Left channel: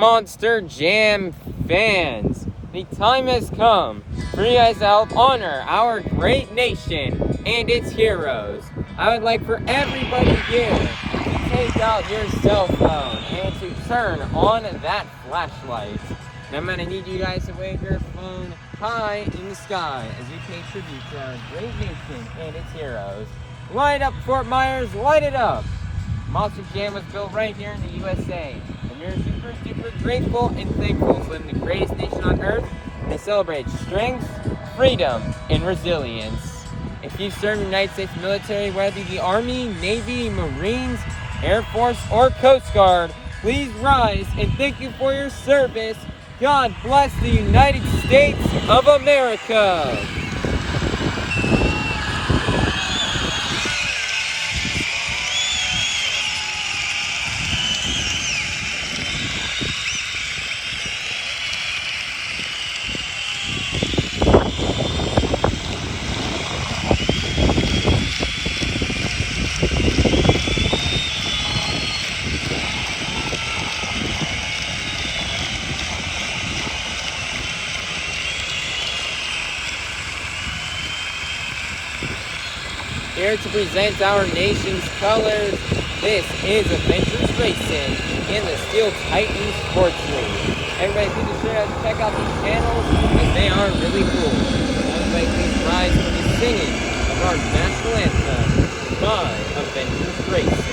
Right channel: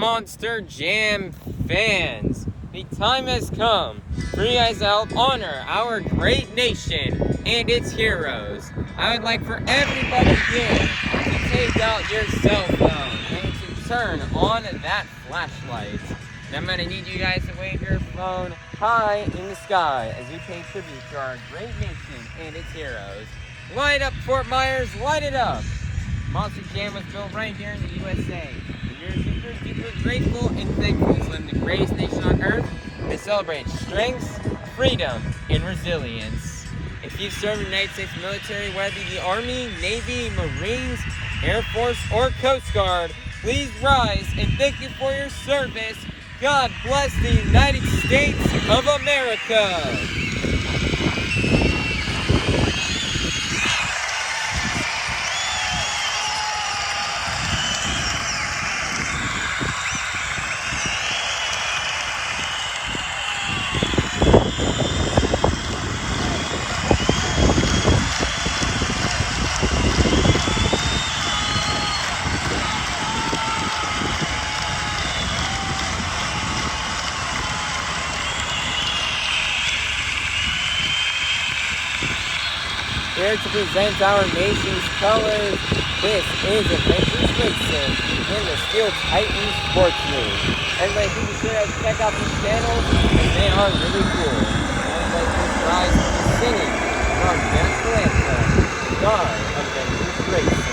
Monster Jam fans, the time has come for you guys to honor our great nation and its heroes. I would like for everybody here to take out your cell phone and to turn on that flashlight. And I'm going to need you guys to wave your phone high in the sky as we pay tribute to our great nation and its heroes. Light up, Fort Myers, light it up! Monster Jam was built right here in the USA, and we're super deeply grateful and thankful to live in the greatest nation on earth that celebrates strength, freedom, and resilience. If you serve in the United States military, whether it be the Army, Navy, Marines, Air Force, or Coast Guard, please rise and thank you for your service. God bless the United States of America. Here to present our nation's colors, this is Avenger Racing in the Steel Titan Sports League. Everybody please be sure to check out these channels as they are really cool. Everybody please rise for the singing of our national anthem, God Avenger Racing.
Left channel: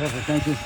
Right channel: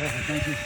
Perfect, thank you.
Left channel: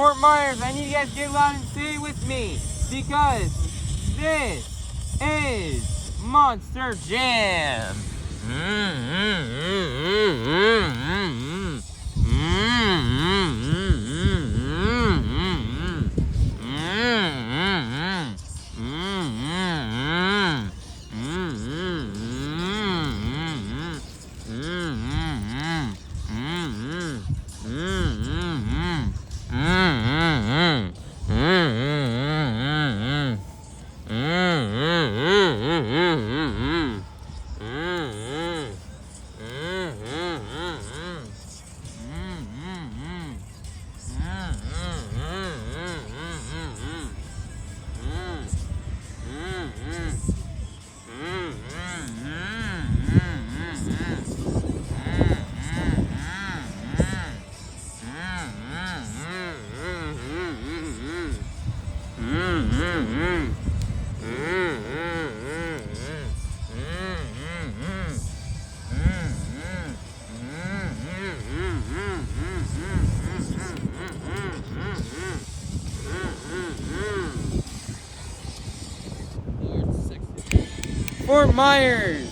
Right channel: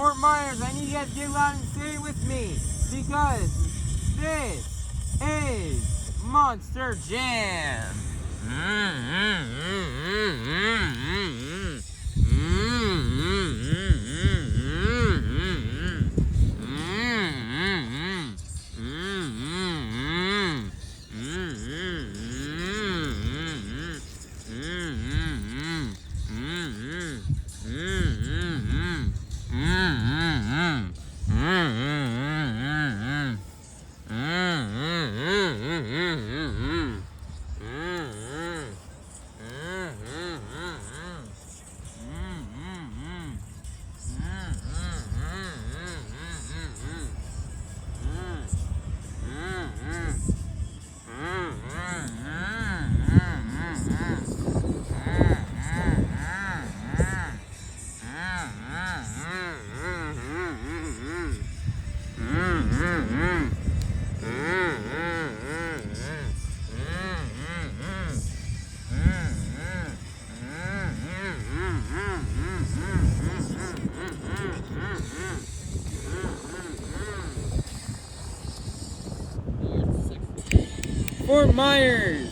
Fort Myers, I need you guys to get loud and say it with me, because this is Monster Jam. Fort Myers,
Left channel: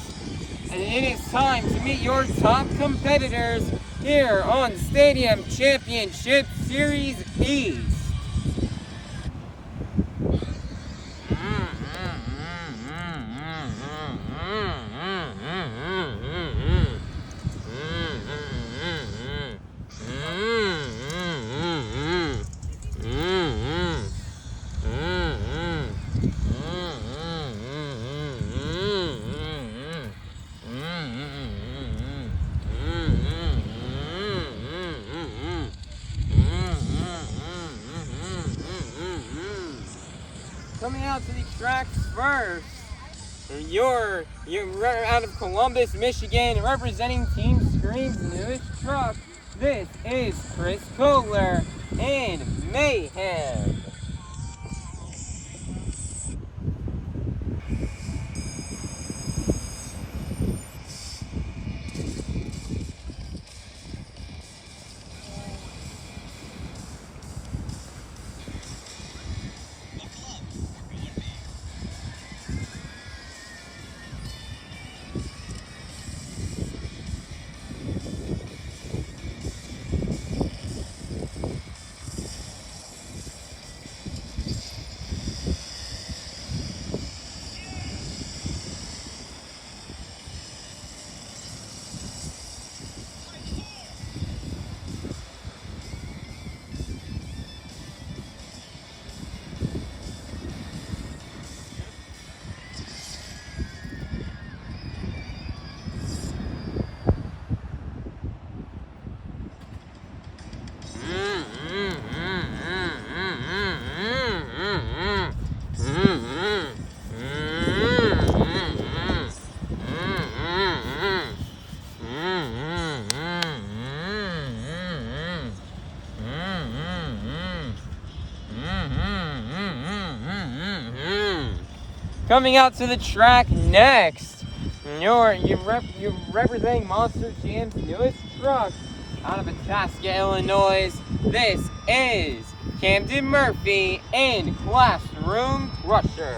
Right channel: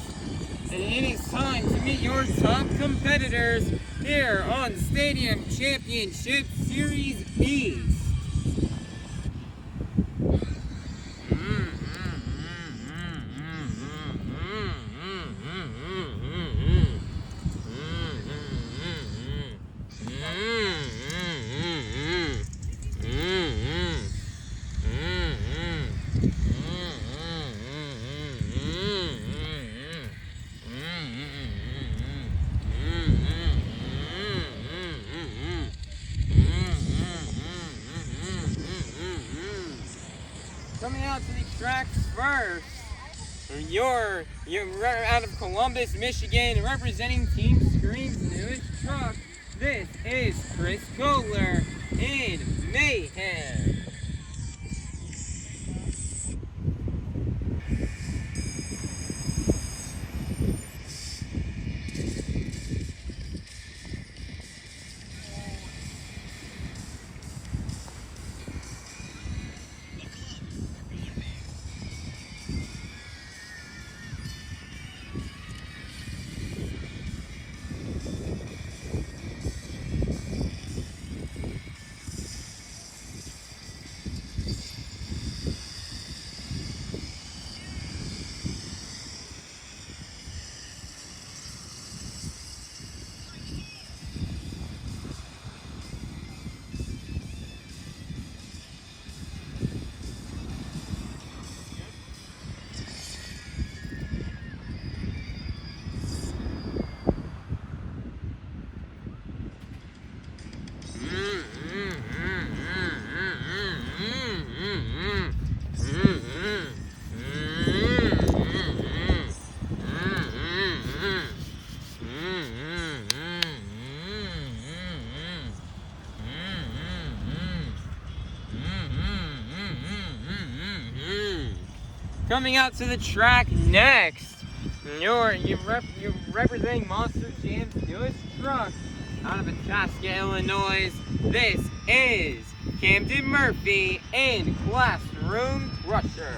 and it is time to meet your top competitors here on Stadium Championship Series East. Coming out to the tracks first, you're out of Columbus, Michigan, representing Team Scream's newest truck. This is Koehler and Mayhem. Coming out to the track next, you're representing Monster Jam's newest truck out of Itasca, Illinois. This is Camden Murphy and Classroom Crusher.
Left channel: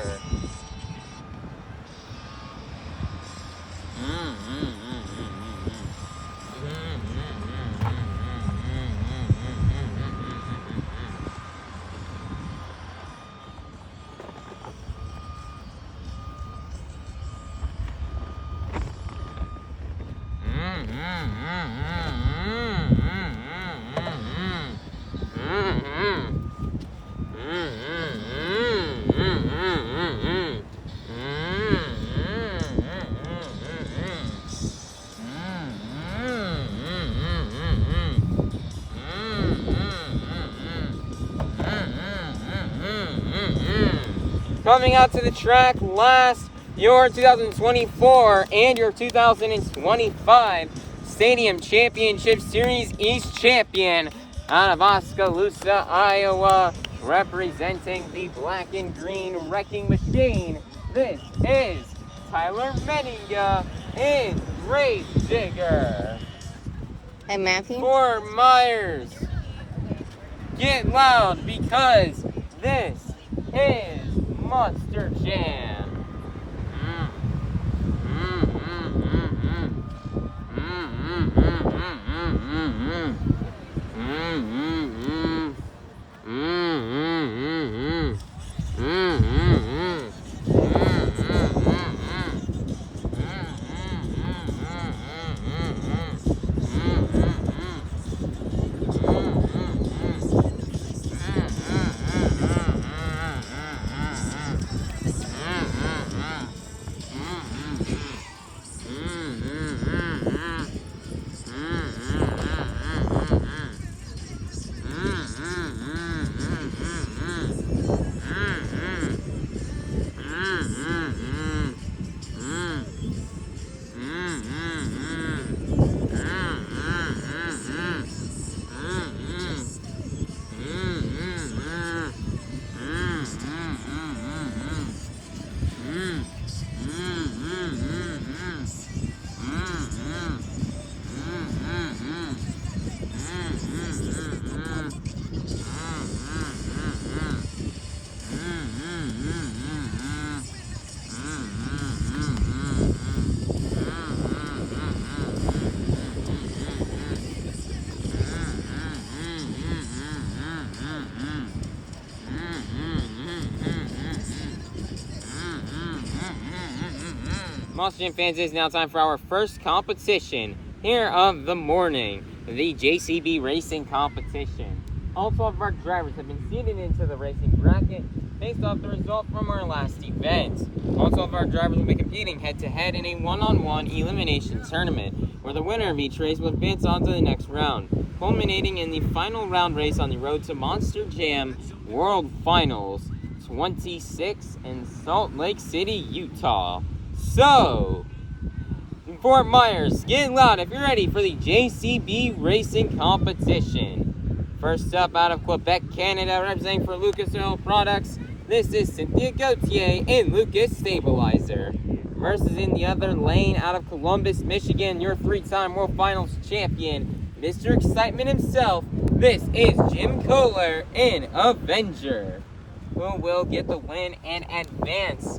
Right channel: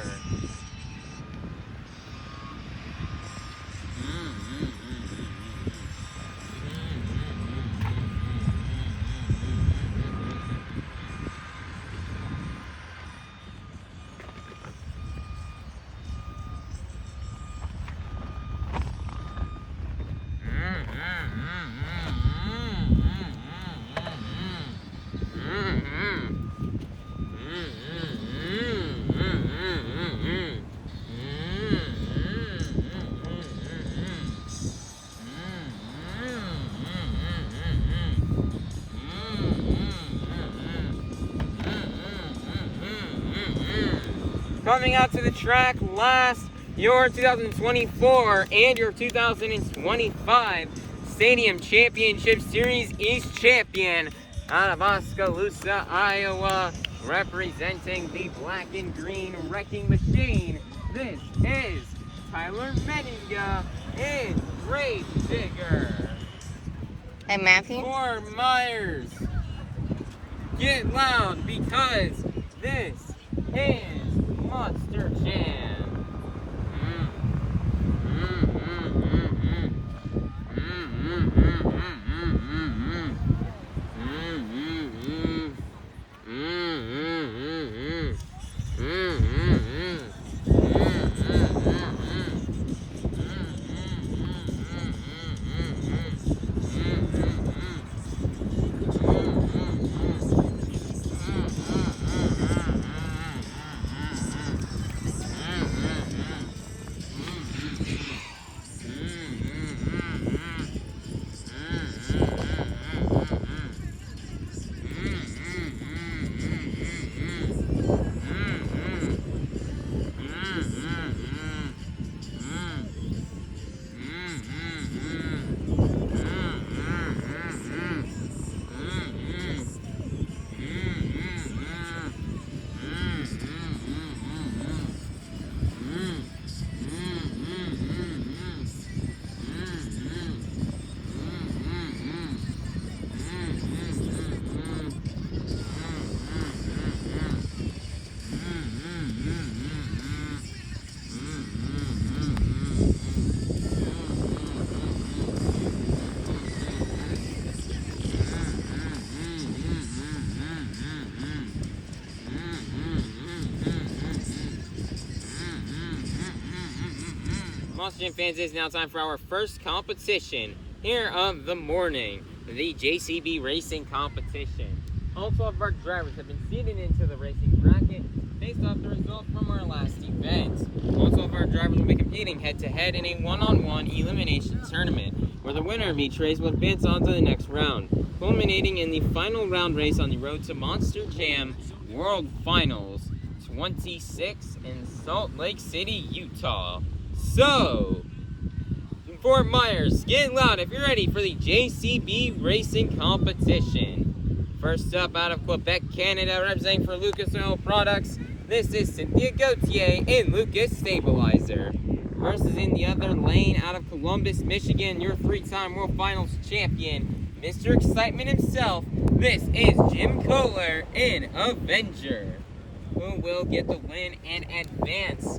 Coming out to the track last, your 2024 and your 2025 Stadium Championship Series East champion out of Oskaloosa, Iowa, representing the black and green wrecking machine. This is Tyler Menninga and Grave Digger. Hey, Matthew. Fort Myers, get loud because this is Monster Jam. Monster Jam fans, it is now time for our first competition here of the morning, the JCB Racing competition. All 12 of our drivers have been seated into the racing bracket based off the result from our last event. All 12 of our drivers will be competing head-to-head in a one-on-one elimination tournament, where the winner of each race will advance on to the next round, culminating in the final round race on the road to Monster Jam World Finals 26 in Salt Lake City, Utah. So, Fort Myers, get loud if you're ready for the JCB Racing competition. First up, out of Quebec, Canada, representing for Lucas Oil Products, this is Cynthia Gauthier and Lucas Stabilizer. Versus in the other lane, out of Columbus, Michigan, your three-time World Finals champion, Mr. Excitement himself, this is Jim Koehler in Avenger, who will get the win and advance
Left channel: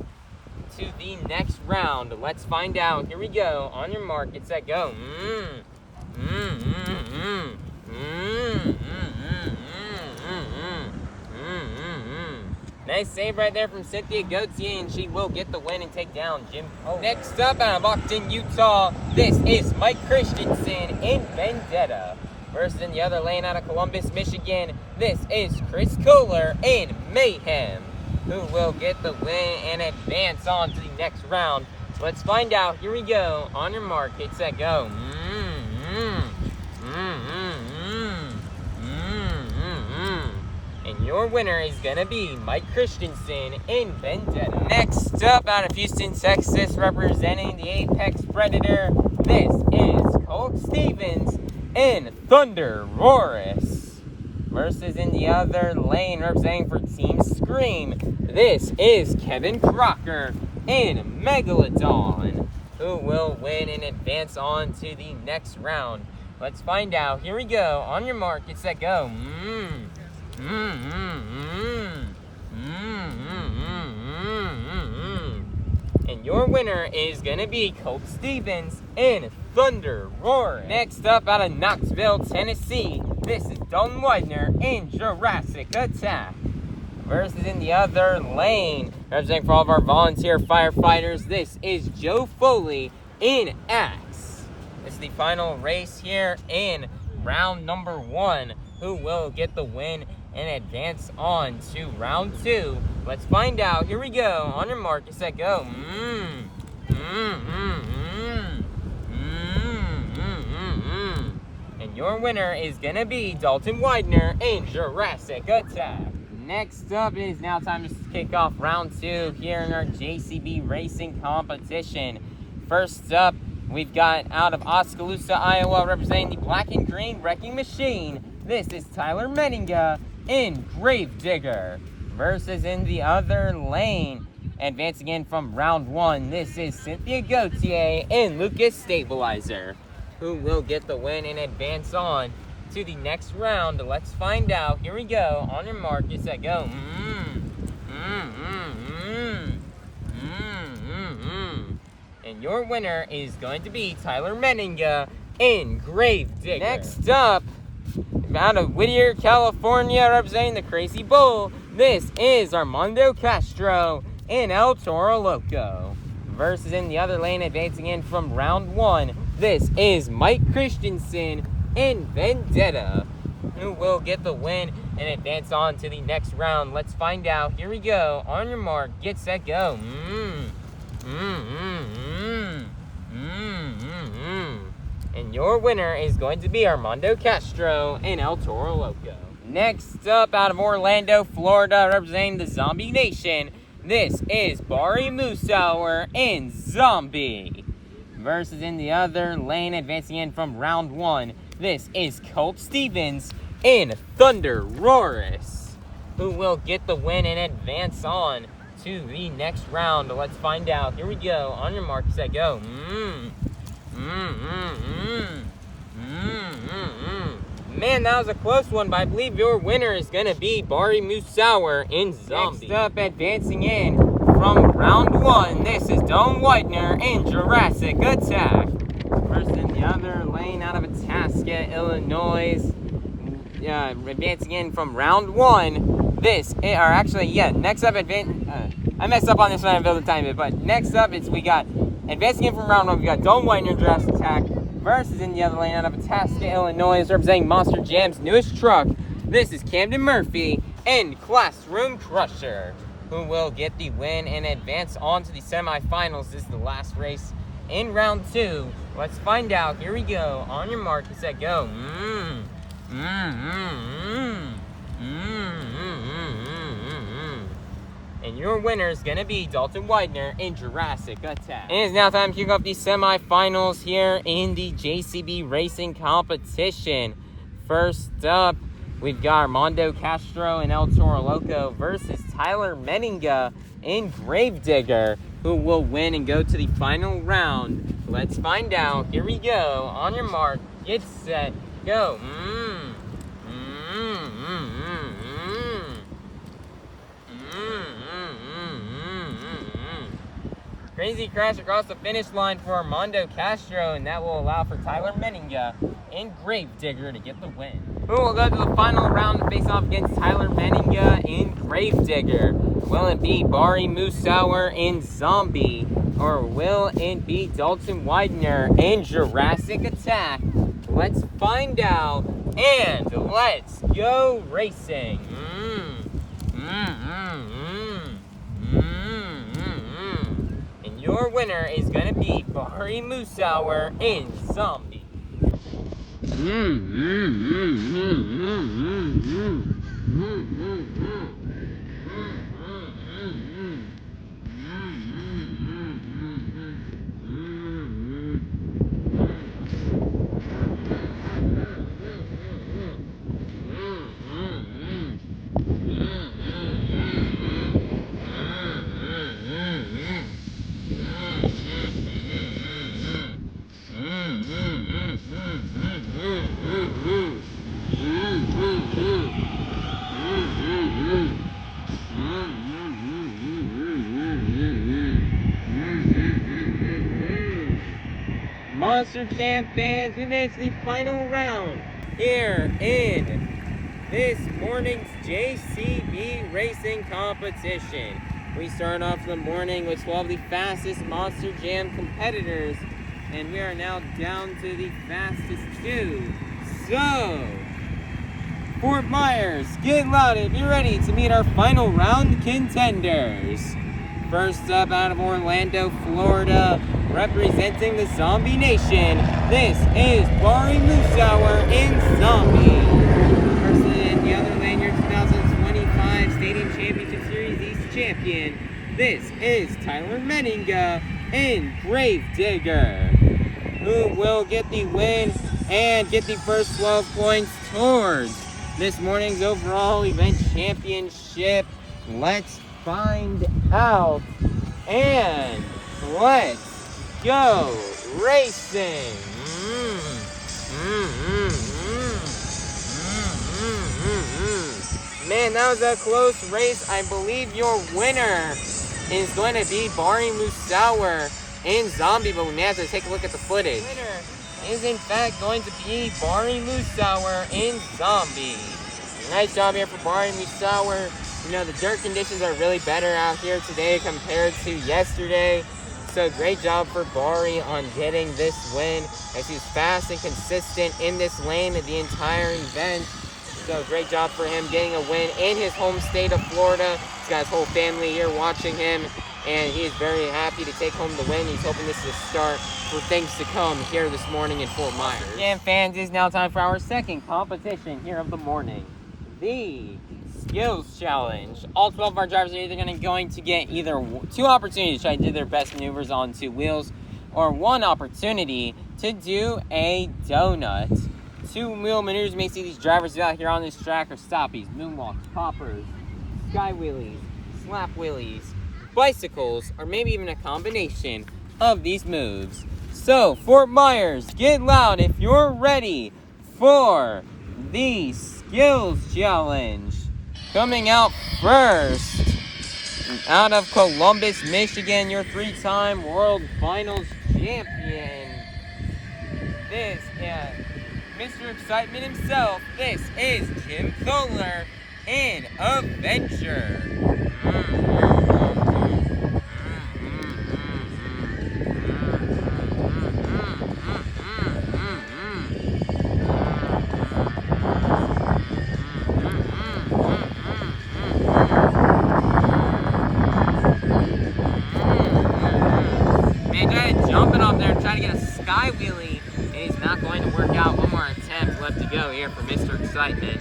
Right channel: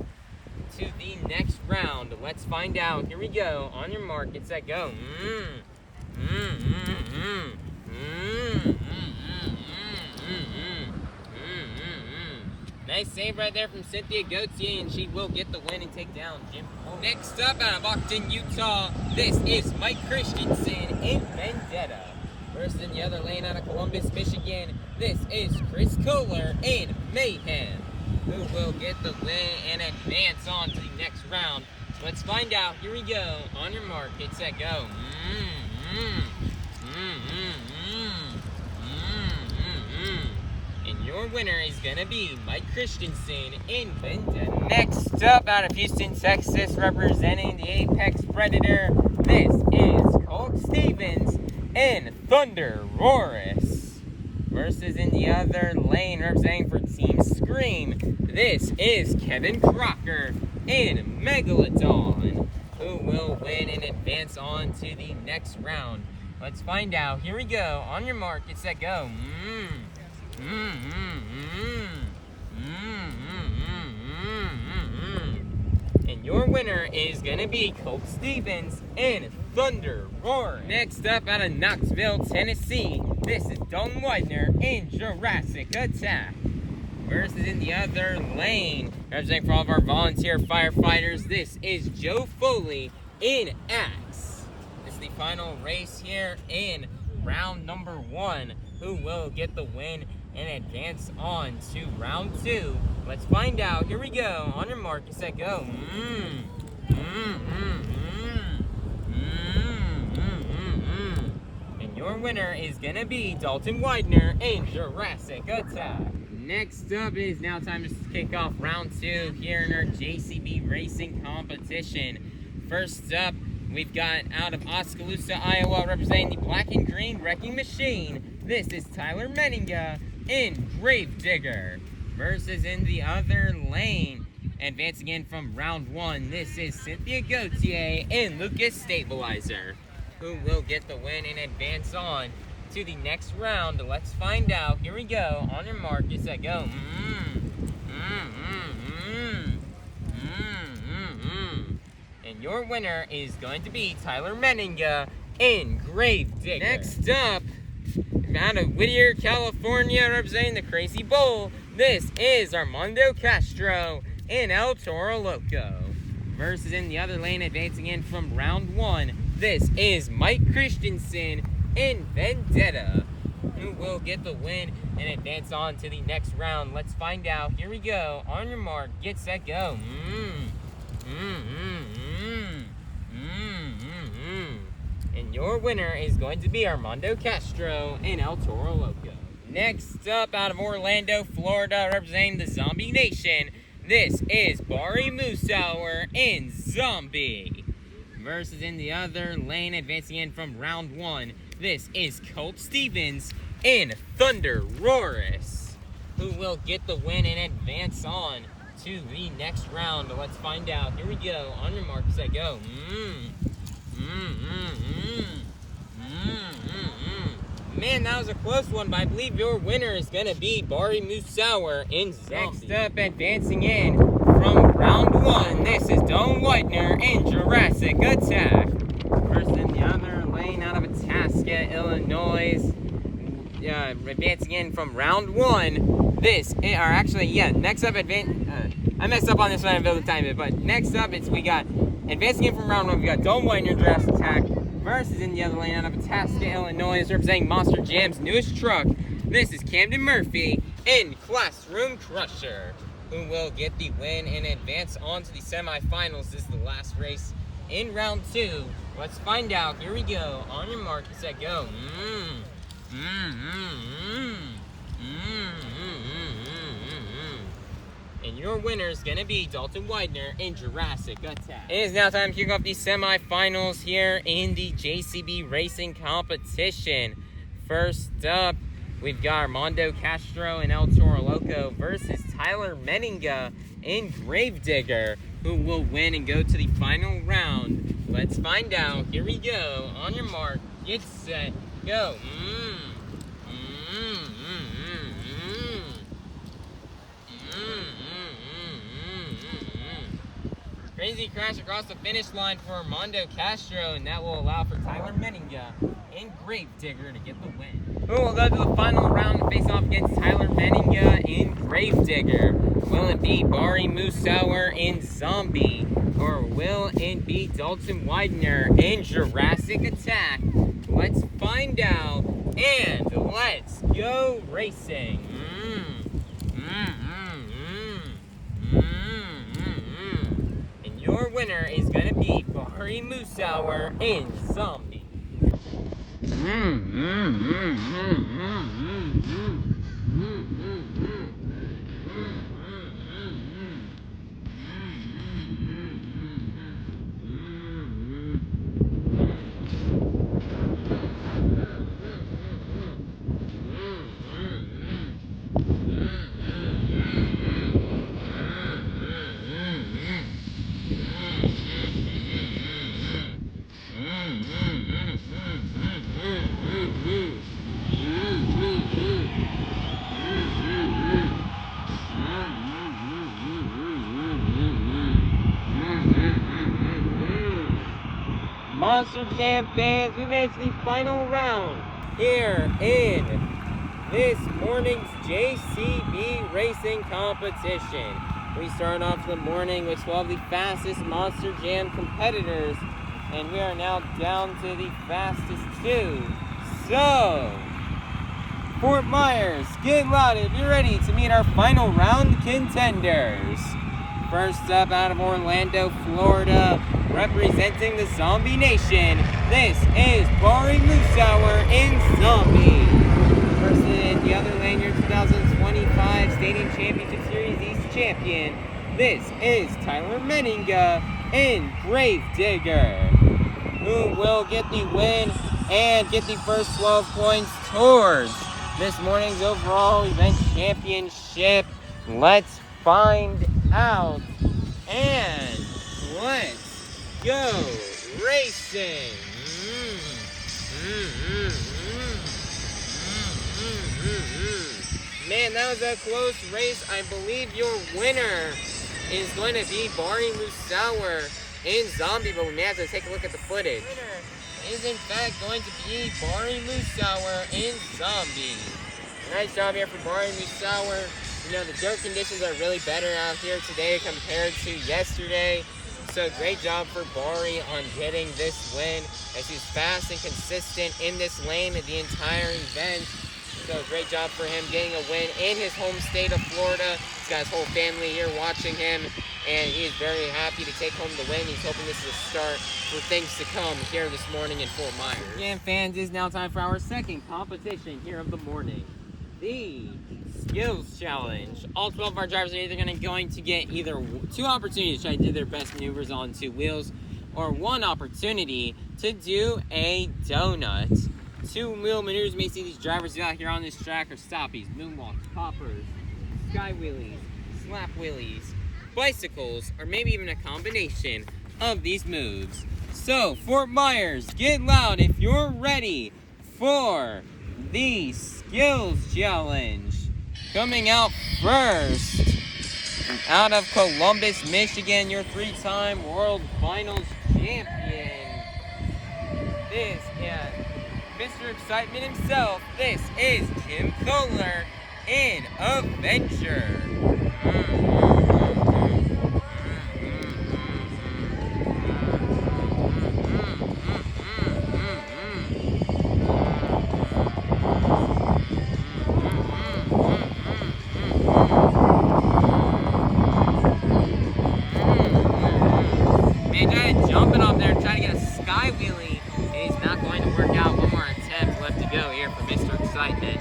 to the next round. Let's find out. Here we go. On your mark, get set, go. Nice save right there from Cynthia Gauthier, and she will get the win and take down Jim Koehler. Next up, out of Austin, Utah, this is Mike Christensen in Vendetta. Versus in the other lane, out of Columbus, Michigan, this is Chris Koehler in Mayhem, who will get the win and advance on to the next round. Let's find out. Here we go. On your mark, get set, go. And your winner is gonna be Mike Christensen in Vendetta. Next up, out of Houston, Texas, representing the Apex Predator, this is Colt Stevens in ThunderROARus. Versus in the other lane, representing for Team Scream, this is Kevin Crocker in Megalodon, who will win and advance on to the next round. Let's find out. Here we go. On your mark, get set, go. And your winner is gonna be Colt Stevens in ThunderROARus. Next up, out of Knoxville, Tennessee, this is Dalton Widner in Jurassic Attack. Versus in the other lane, representing for all of our volunteer firefighters, this is Joe Foley in Axe. This is the final race here in round number 1. Who will get the win and advance on to round 2? Let's find out. Here we go. On your mark, you set, go. And your winner is gonna be Dalton Widner in Jurassic Attack. Next up, it is now time to kick off round 2 here in our JCB Racing competition. First up, we've got out of Oskaloosa, Iowa, representing the Black and Green Wrecking Machine, this is Tyler Menninga in Gravedigger. Versus in the other lane, advancing in from round 1, this is Cynthia Gauthier and Lucas Stabilizer, who will get the win and advance on to the next round. Let's find out. Here we go. On your mark, get set, go. And your winner is going to be Tyler Menninga in Gravedigger. Next up, out of Whittier, California, representing the Crazy Bull, this is Armando Castro in El Toro Loco. Versus in the other lane, advancing in from round 1, this is Mike Christensen in Vendetta, who will get the win and advance on to the next round. Let's find out. Here we go. On your mark, get set, go. And your winner is going to be Armando Castro in El Toro Loco. Next up, out of Orlando, Florida, representing the Zombie Nation, this is Bari Musawwir in Zombie. Versus in the other lane, advancing in from round 1, this is Colt Stevens in ThunderROARus, who will get the win and advance on to the next round. Let's find out. Here we go. On your mark, set, go. Man, that was a close one, but I believe your winner is going to be Bari Musawwir in Zombie. Next up, advancing in from round 1, this is Widner in Jurassic Attack. First in the other lane, out of Itasca, Illinois. Advancing in from round 1, this, or actually, yeah, next up, I messed up on this one, I built the time bit, but next up, we got, advancing in from round 1, we got Widner, Jurassic Attack. Versus in the other lane, out of Itasca, Illinois, representing Monster Jam's newest truck, this is Camden Murphy in Classroom Crusher, who will get the win and advance on to the semifinals. This is the last race in round 2. Let's find out. Here we go. On your mark, set, go. And your winner is going to be Dalton Widner in Jurassic Attack. It is now time to kick off the semifinals here in the JCB Racing competition. First up, we've got Armando Castro in El Toro Loco versus Tyler Menninga in Gravedigger, who will win and go to the final round. Let's find out. Here we go. On your mark, get set, go. Crazy crash across the finish line for Armando Castro, and that will allow for Tyler Menninga in Gravedigger to get the win. Who will go to the final round to face off against Tyler Menninga in Gravedigger? Will it be Bari Musawwir in Zombie, or will it be Dalton Widner in Jurassic Attack? Let's find out, and let's go racing. Your winner is going to be Bari Musawwir in Zombie. Monster Jam fans, we've entered the final round here in this morning's JCB Racing competition. We start off the morning with 12 of the fastest Monster Jam competitors, and we are now down to the fastest 2. So, Fort Myers, get loud if you're ready to meet our final round contenders. First up, out of Orlando, Florida, representing the Zombie Nation, this is Bari Musawwir in Zombie. First in the other lane, your 2025 Stadium Championship Series East champion, this is Tyler Menninga in Gravedigger, who will get the win and get the first 12 points towards this morning's overall event championship. Let's find out, and let's go racing. Man, that was a close race. I believe your winner is going to be Bari Musawwir in Zombie, but we may have to take a look at the footage. Winner is in fact going to be Bari Musawwir in Zombie. Nice job here for Bari Musawwir. You know, the dirt conditions are really better out here today compared to yesterday. So great job for Bari on getting this win, as he's fast and consistent in this lane the entire event. So great job for him getting a win in his home state of Florida. He's got his whole family here watching him, and he is very happy to take home the win. He's hoping this is a start for things to come here this morning in Fort Myers. And fans, it's now time for our second competition here of the morning, the Skills Challenge. All 12 of our drivers are either going to get either 2 opportunities to try to do their best maneuvers on 2 wheels, or 1 opportunity to do a donut. 2-wheel maneuvers may see these drivers out here on this track are stoppies, moonwalks, poppers, sky wheelies, slap wheelies, bicycles, or maybe even a combination of these moves. So, Fort Myers, get loud if you're ready for the Skills Challenge. Coming out first, out of Columbus, Michigan, your 3-time World Finals champion. This is Mr. Excitement himself. This is Jim Koehler in Avenger. Man, jumping up there trying to get a sky wheelie, and he's not going to work out. One more attempt left to go here for Mr. Excitement.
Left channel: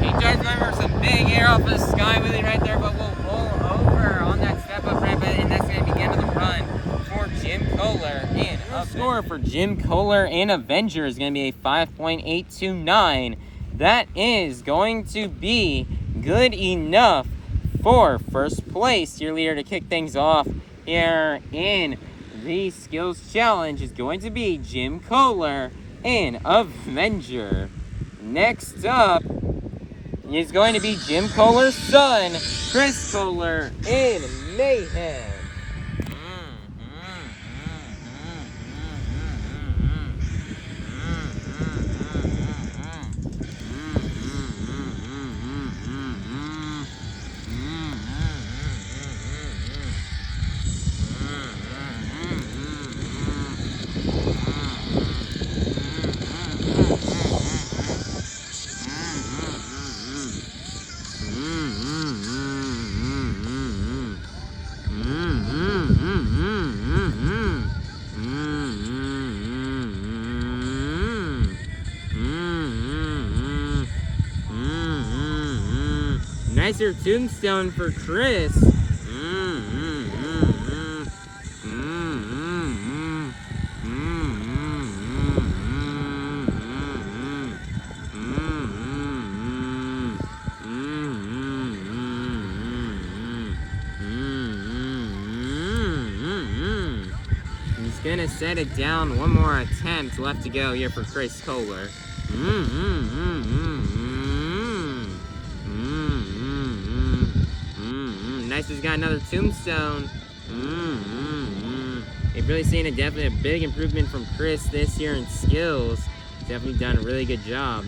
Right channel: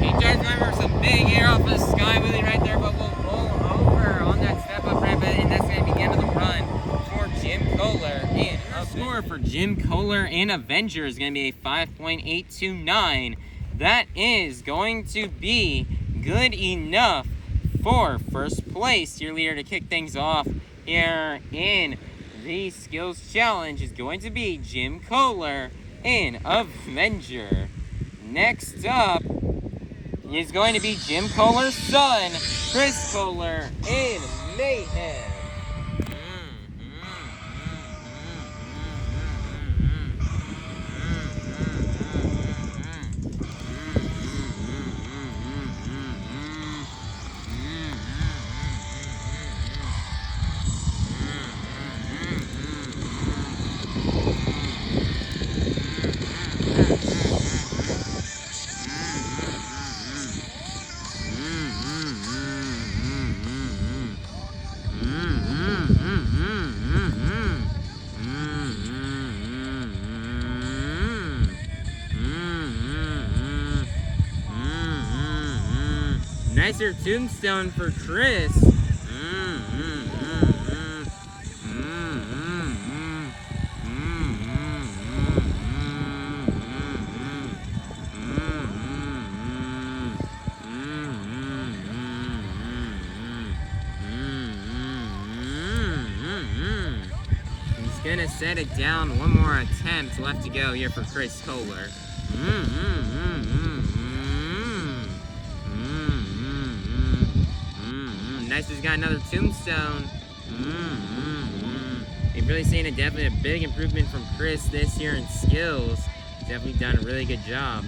He tries going for some big air off the sky wheelie right there, but will roll over on that step up ramp, and that's going to be the end of the run for Jim Koehler. And the score for Jim Koehler in Avenger is going to be a 5.829. That is going to be good enough for first place. Your leader to kick things off here in the Skills Challenge is going to be Jim Koehler in Avenger. Next up is going to be Jim Koehler's son, Chris Koehler in Mayhem. Nicer tombstone for Chris. He's gonna set it down. One more attempt left to go here for Chris Koehler. Nice, he's got another tombstone. You've really seen definitely a big improvement from Chris this year in skills. He's definitely done a really good job.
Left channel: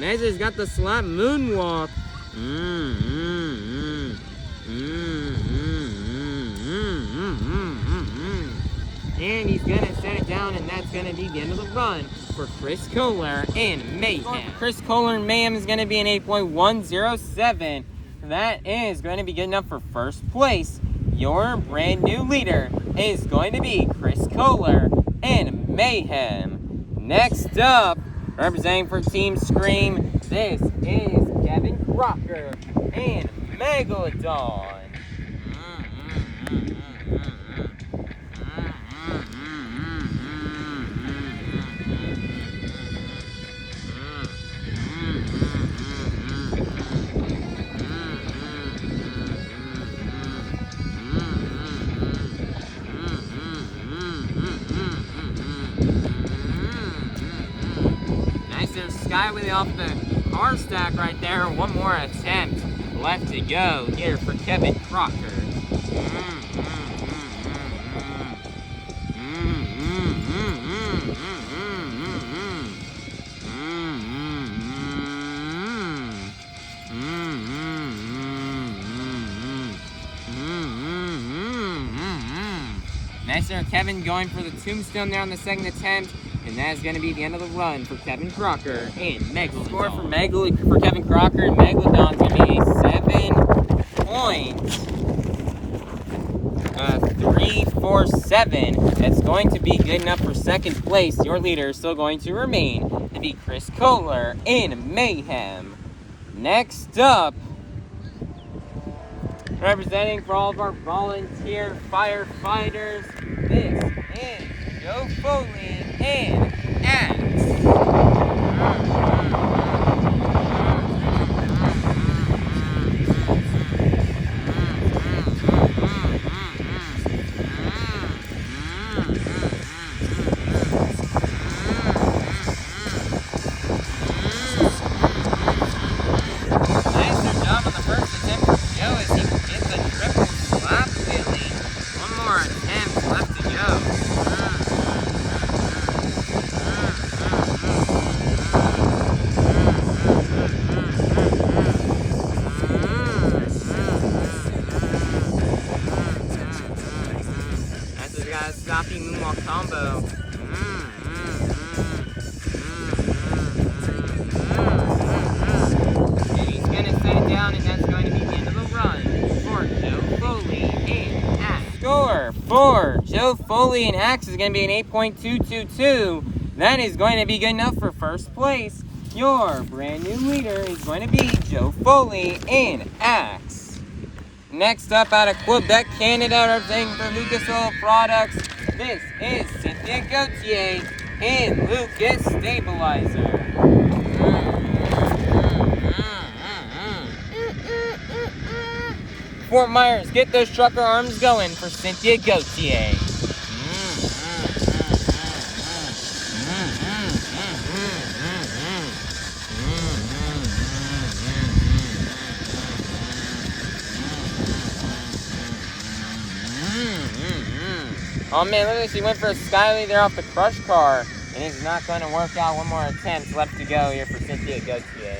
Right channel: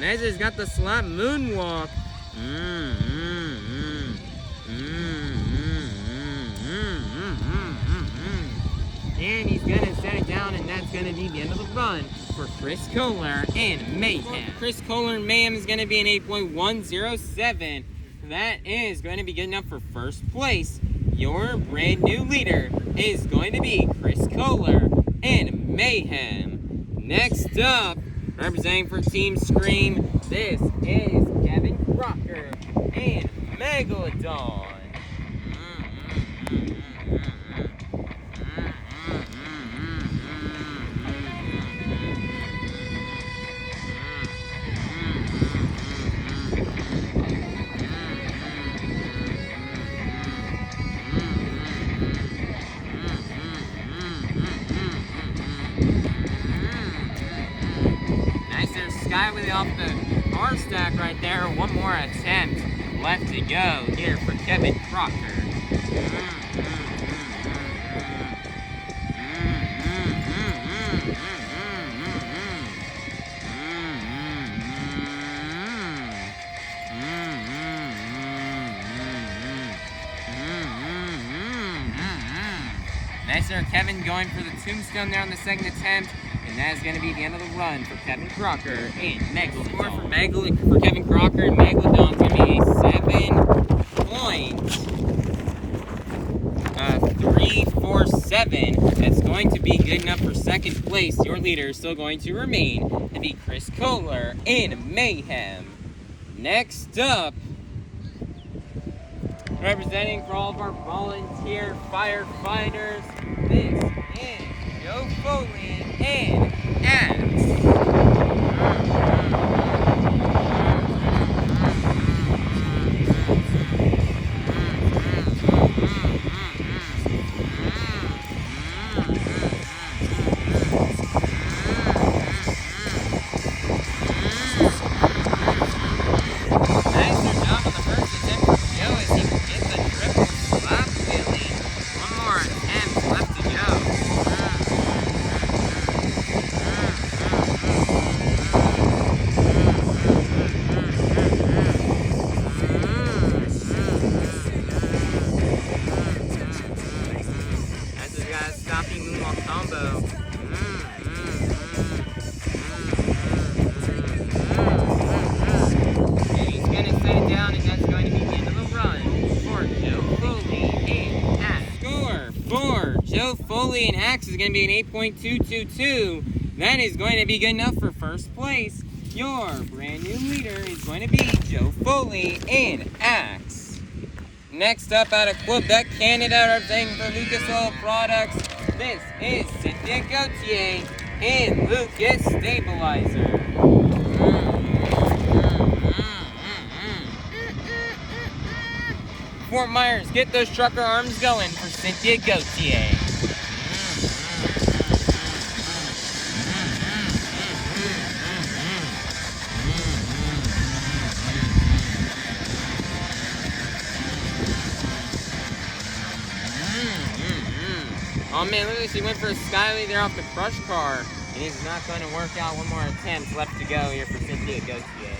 Nice, he's got the slap moonwalk. And he's gonna set it down, and that's gonna be the end of the run for Chris Koehler and Mayhem. Chris Koehler and Mayhem is gonna be an 8.107. That is going to be good enough for first place. Your brand new leader is going to be Chris Koehler and Mayhem. Next up, representing for Team Scream, this is Kevin Crocker and Megalodon. Nice there, Skyway off the car stack right there. One more attempt left to go here for Kevin Crocker. Nice there, Kevin going for the tombstone there on the second attempt. And that is going to be the end of the run for Kevin Crocker and Megalodon. Score for Kevin Crocker and Megalodon is going to be a 7.347. That's going to be good enough for second place. Your leader is still going to remain to be Chris Koehler in Mayhem. Next up, representing for all of our volunteer firefighters, this is Joe Foley and Axe. Nicer job on the first attempt for Joe as he gets a triple slap wheelie. One more attempt left to go. That's just got a stopping moonwalk combo. And he's gonna set it down, and that's going to be the end of the run for Joe Foley and Axe. Score for Joe Foley and Axe is going to be an 8.222. That is going to be good enough for first place. Your brand new leader is going to be Joe Foley and Axe. Next up out of Quebec, Canada, representing for Lucas Oil Products, this is Cynthia Gauthier and Lucas Stabilizer. Fort Myers, get those trucker arms going for Cynthia Gauthier. Oh man, look at this, he went for a Skyway there off the crush car, and it's not going to work out. One more attempt left to go here for Cynthia Gauthier.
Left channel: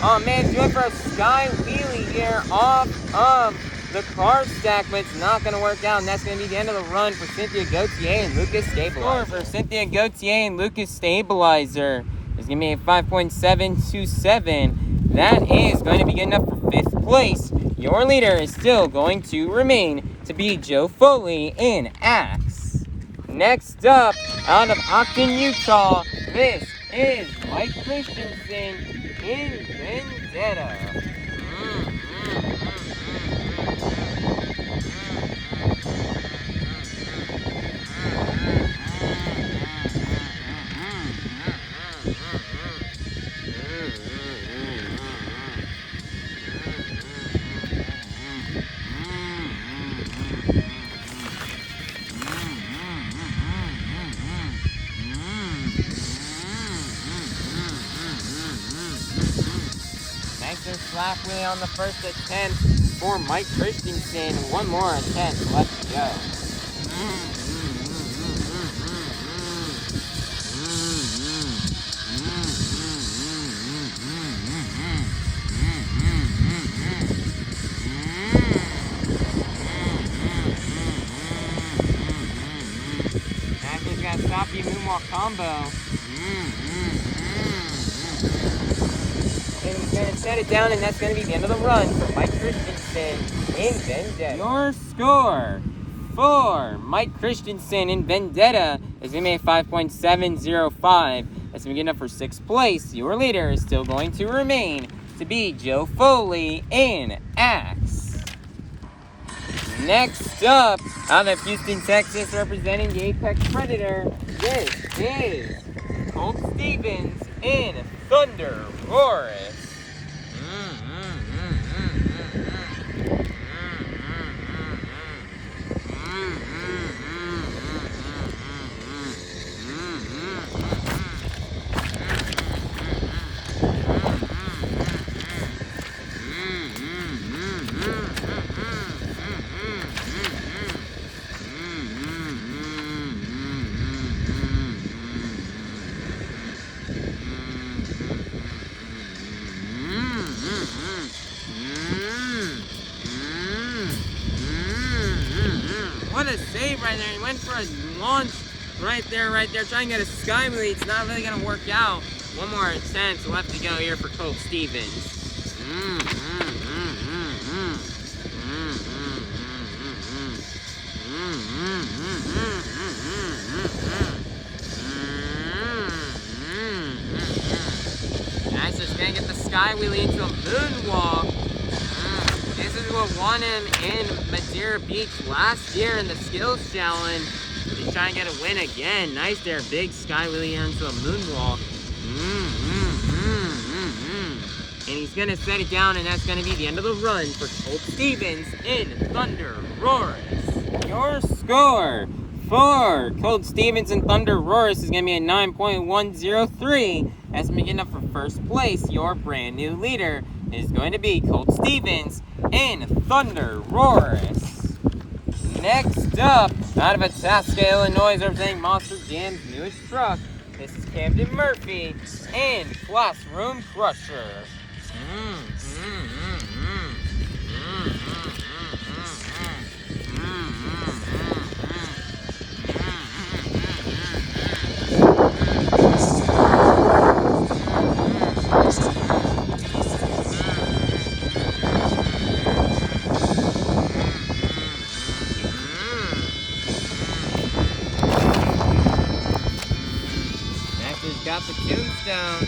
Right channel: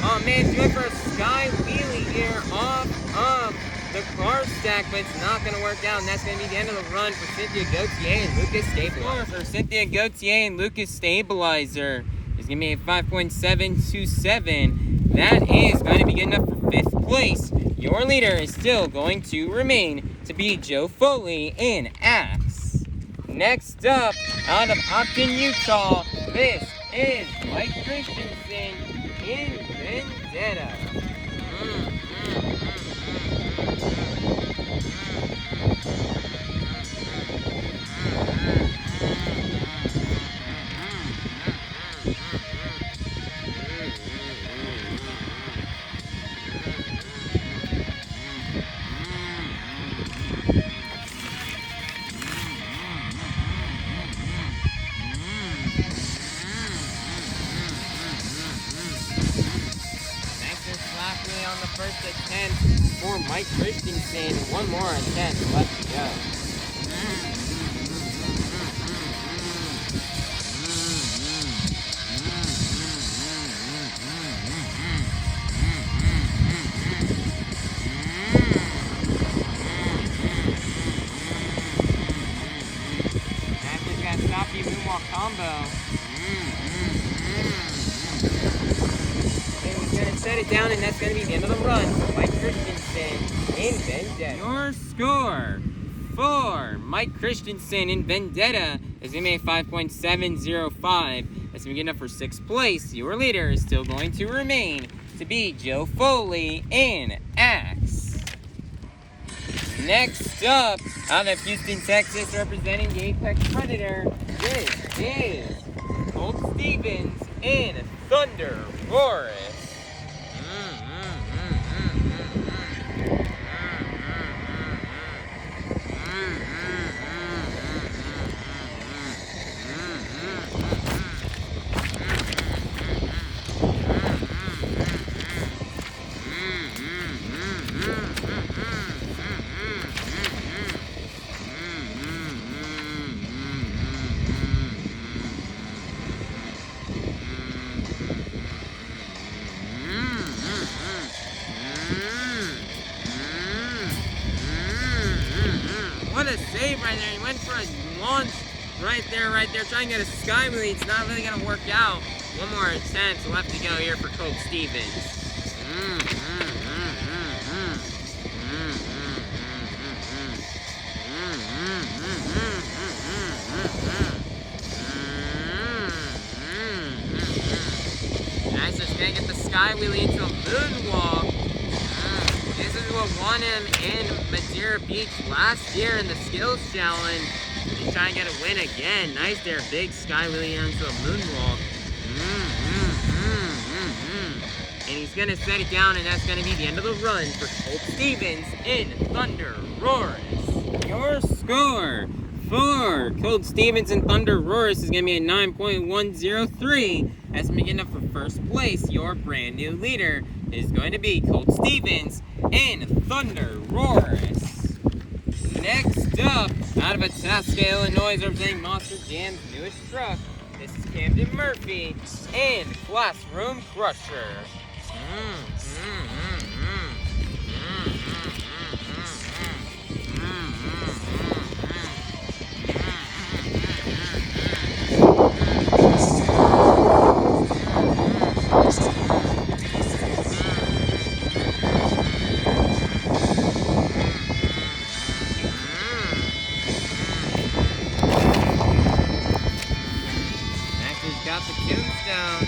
Oh man, she went for a sky wheelie here off of the car stack, but it's not going to work out, and that's going to be the end of the run for Cynthia Gauthier and Lucas Stabilizer. For Cynthia Gauthier and Lucas Stabilizer is going to be a 5.727. That is going to be good enough for fifth place. Your leader is still going to remain to be Joe Foley and Axe. Next up, out of Ogden, Utah, this is Mike Christensen in Vendetta. Slap wheelie on the first attempt for Mike Christensen. One more attempt left to go. That's just got a stoppy moonwalk combo. He's going to set it down, and that's going to be the end of the run for Mike Christensen in Vendetta. Your score 4, Mike Christensen in Vendetta is going to be a 5.705. That's going to be good enough for 6th place. Your leader is still going to remain to be Joe Foley in Axe. Next up, out of Houston, Texas, representing the Apex Predator, this is Colt Stevens in ThunderROARus. What a save right there. He went for a launch right there, trying to get a sky wheelie. It's not really going to work out. One more attempt left to go here for Colt Stevens. Nice, just going to get the sky wheelie into a moonwalk. This is what won him in Madeira Beach last year in the skills challenge. He's trying to get a win again. Nice there, big sky wheelie into a moonwalk. And he's gonna set it down, and that's gonna be the end of the run for Colt Stevens in ThunderROARus. Your score for Colt Stevens in ThunderROARus is gonna be a 9.103. That's gonna be good enough for 1st place. Your brand new leader is going to be Colt Stevens in ThunderROARus. Next up, out of Itasca, Illinois, representing Monster Jam's newest truck, this is Camden Murphy in Classroom Crusher. Got the tombstone.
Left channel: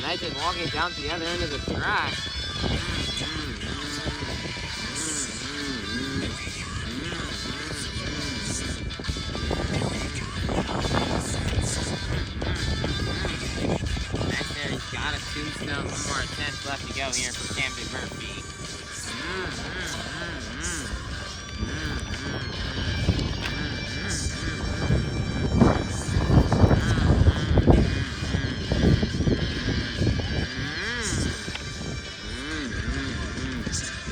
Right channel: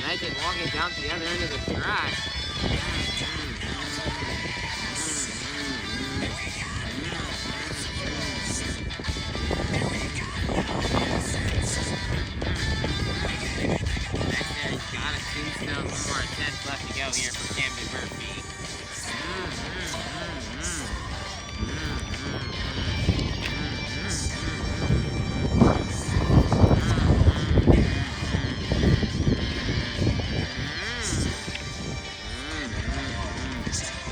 Nice, just walking down to the other end of the track. Got a tombstone. One more attempt left to go here for Camden Murphy.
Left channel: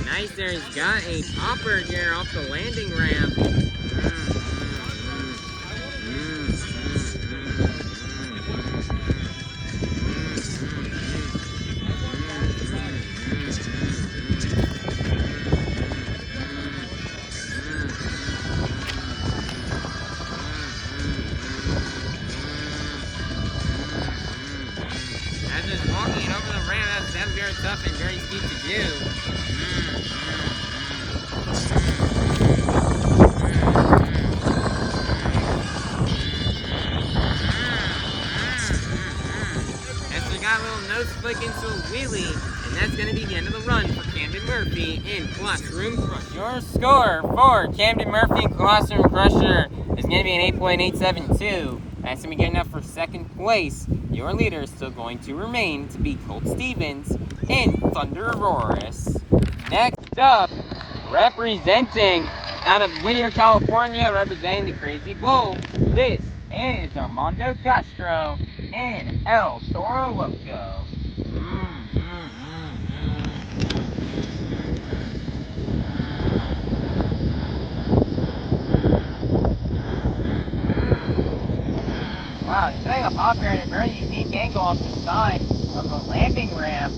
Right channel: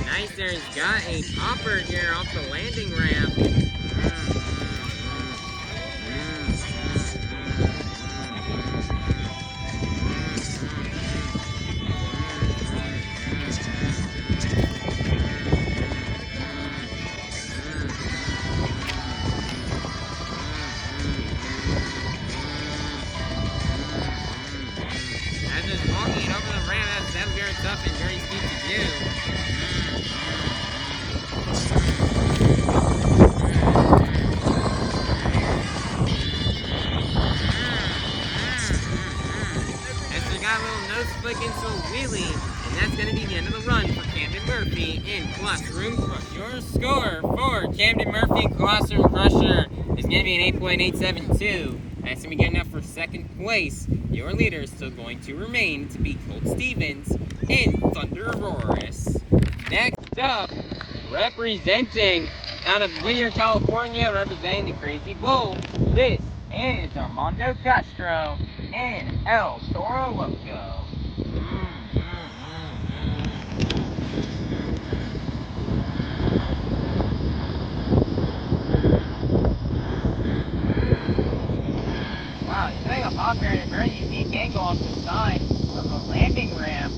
Nice there. He's got a popper here off the landing ramp. Walking over the ramp, that's very tough and very steep to do. And so got a little nose flick into a wheelie, and that's going to be the end of the run for Camden Murphy in Classroom Crusher. Your score for Camden Murphy in Classroom Crusher is going to be an 8.872. That's going to be good enough for 2nd place. Your leader is still going to remain to be Colt Stevens in ThunderROARus. Next up, representing out of Widner, California, representing the Crazy Bull, this is Armando Castro in El Toro Loco. Wow, he's setting up up here at a very unique angle off the side of the landing ramp.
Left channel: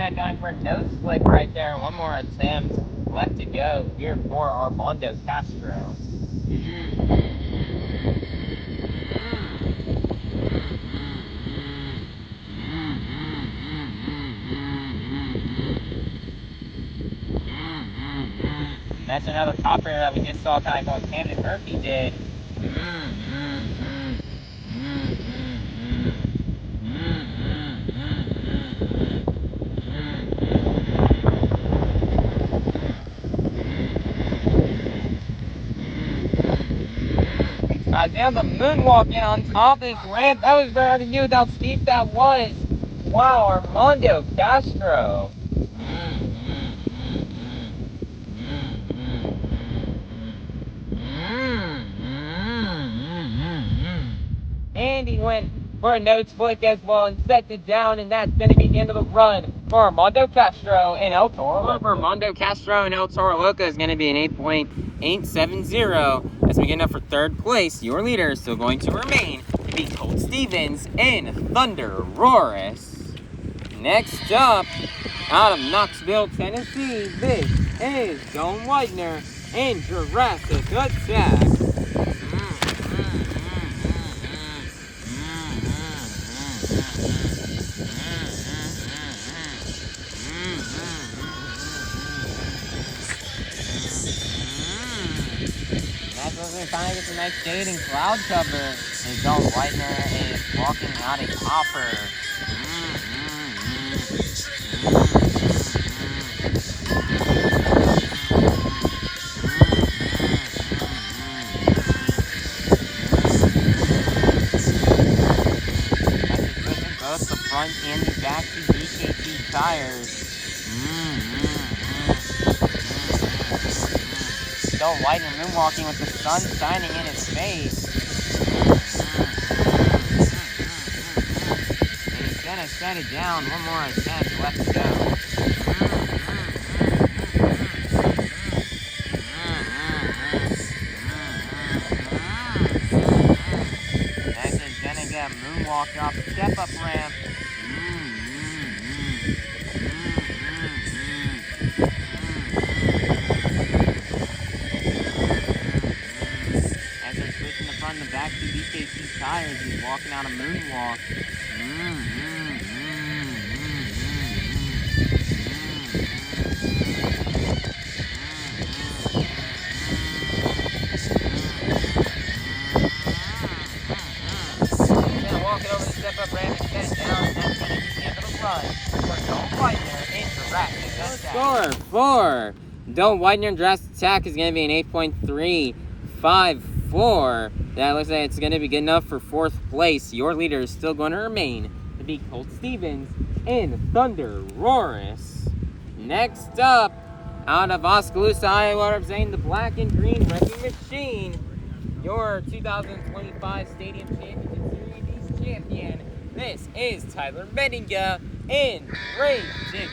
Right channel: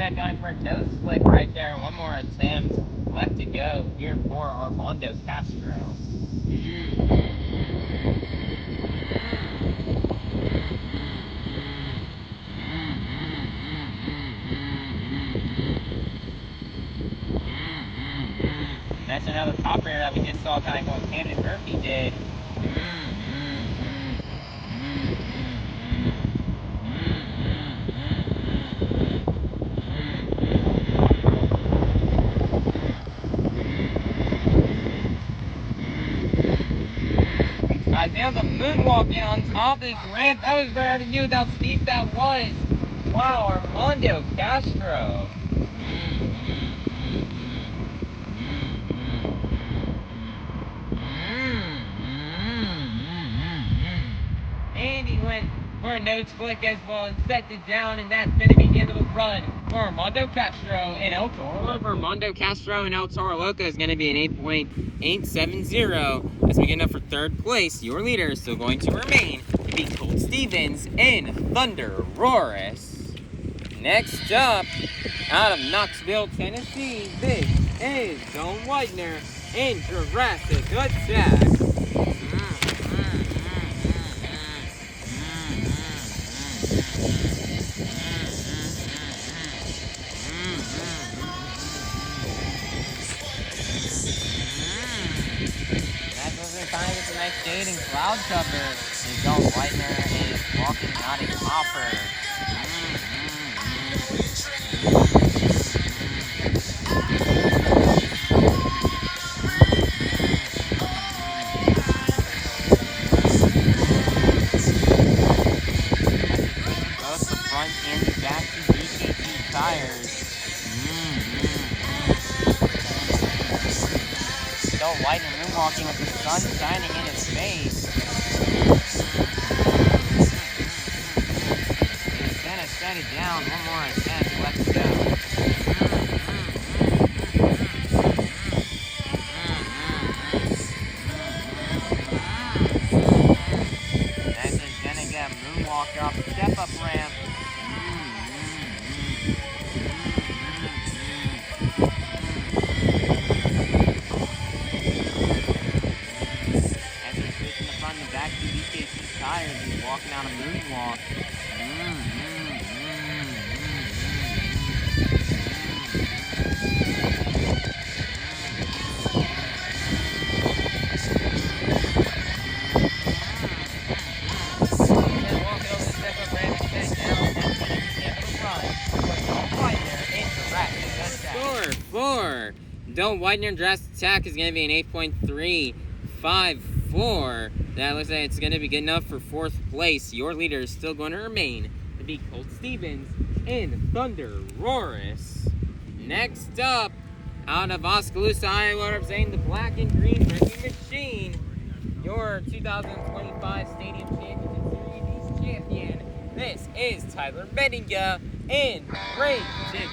that going for a nose flick right there. One more attempt left to go here for Armando Castro. That's another top air that we just saw kind of what Camden Murphy did. Now the moonwalking on top of this ramp, that was very hard to do with how steep that was. Wow, Armando Castro. And he went for a nose flick as well and set it down, and that's going to be the end of the run for Armando Castro and El Toro. For Armando Castro and El Toro Loco is going to be an 8.870 as we get up for third place. Your leader is still going to remain to be Colt Stevens and ThunderROARus. Next up, out of Knoxville, Tennessee, this is Widner and Jurassic Attack. Finally gets a nice shade and cloud cover, and Widner is walking out a hopper. Both the front and the back to BKT tires. Widner moonwalking with the sun shining in his face. And he's gonna set it down. One more attempt left to go. Next is gonna get a moonwalk off the step-up ramp. Back to BKT tires, he's walking out a moonwalk. Then walking over the step-up ramp and set it down, and that's going to be the end of the run for Widner and Jurassic Attack. Score for Widner and Jurassic Attack is going to be an 8.354. That looks like it's going to be good enough for fourth place. Your leader is still going to remain to be Colt Stevens and ThunderROARus. Next up, out of Oskaloosa, Iowa, representing the black and green wrecking machine, your 2025 Stadium Championship Series East champion. This is Tyler Menninga and Ray Digger.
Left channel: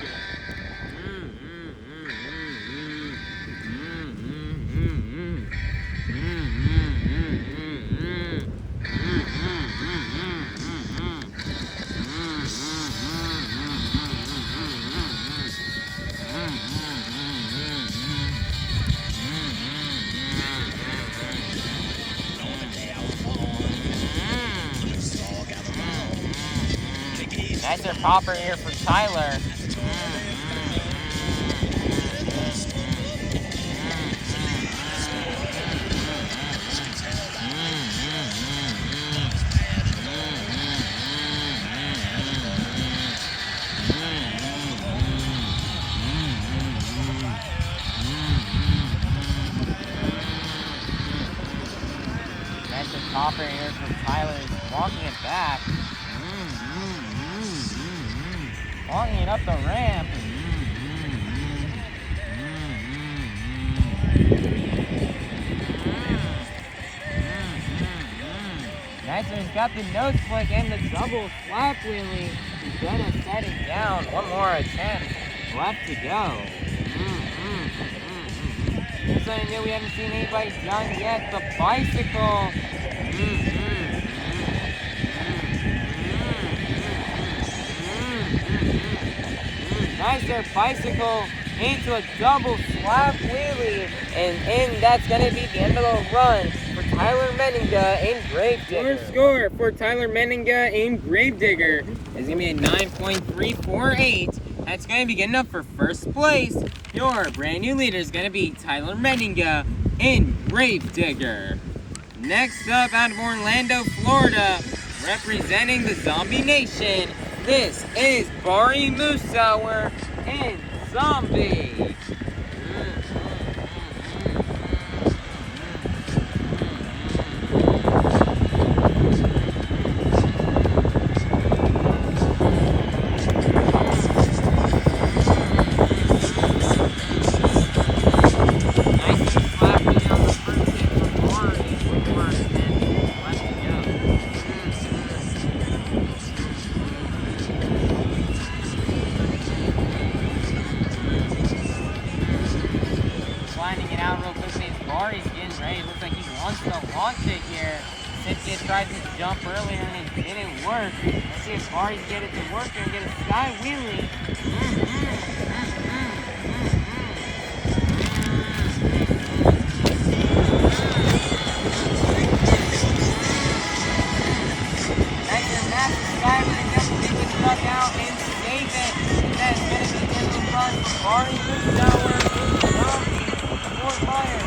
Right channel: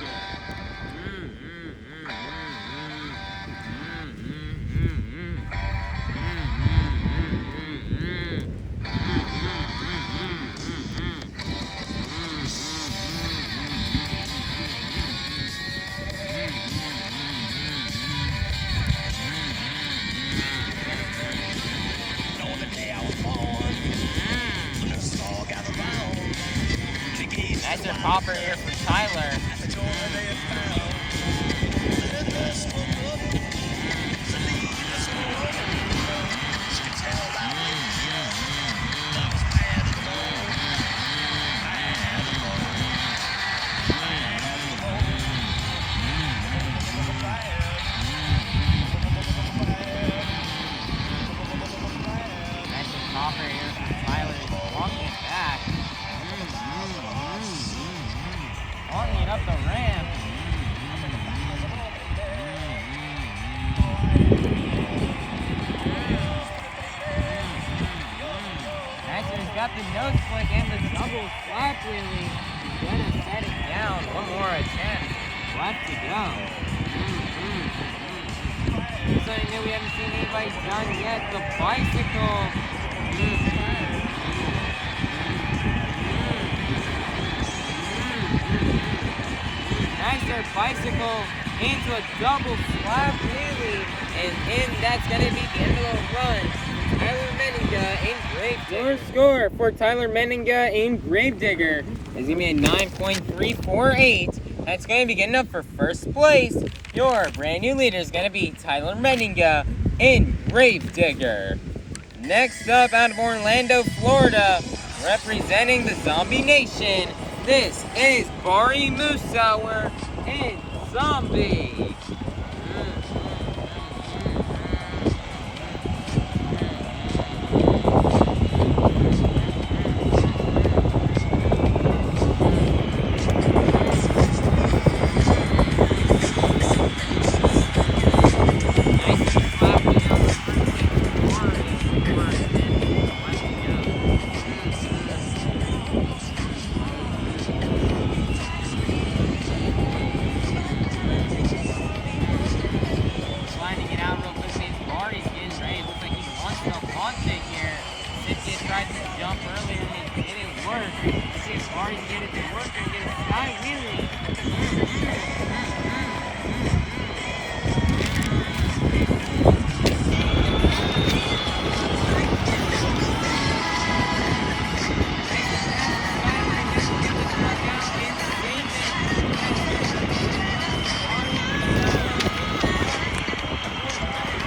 Nicer popper here for Tyler. Nicer popper here for Tyler. He's walking it back. Walking it up the ramp. Nicer's got the nose flick and the double slap wheelie. He's gonna set it down. One more attempt left to go. Something new we haven't seen anybody done yet. The bicycle. Nicer bicycle into a double slap wheelie, and that's going to be the end of the run for Tyler Menninga and Gravedigger. Your score for Tyler Menninga and Gravedigger is going to be a 9.348. That's going to be good enough for first place. Your brand new leader is going to be Tyler Menninga and Gravedigger. Next up, out of Orlando, Florida, representing the Zombie Nation, this is Bari Musawwir and Zombie. Cynthia tried to jump earlier and it didn't work. Let's see if Bari can get it to work and get a sky wheelie. Nice and nasty sky wheelie. Just take the truck out and save it. And that's going to be the end of the run for Bari Musawwir and Zombie. For fire.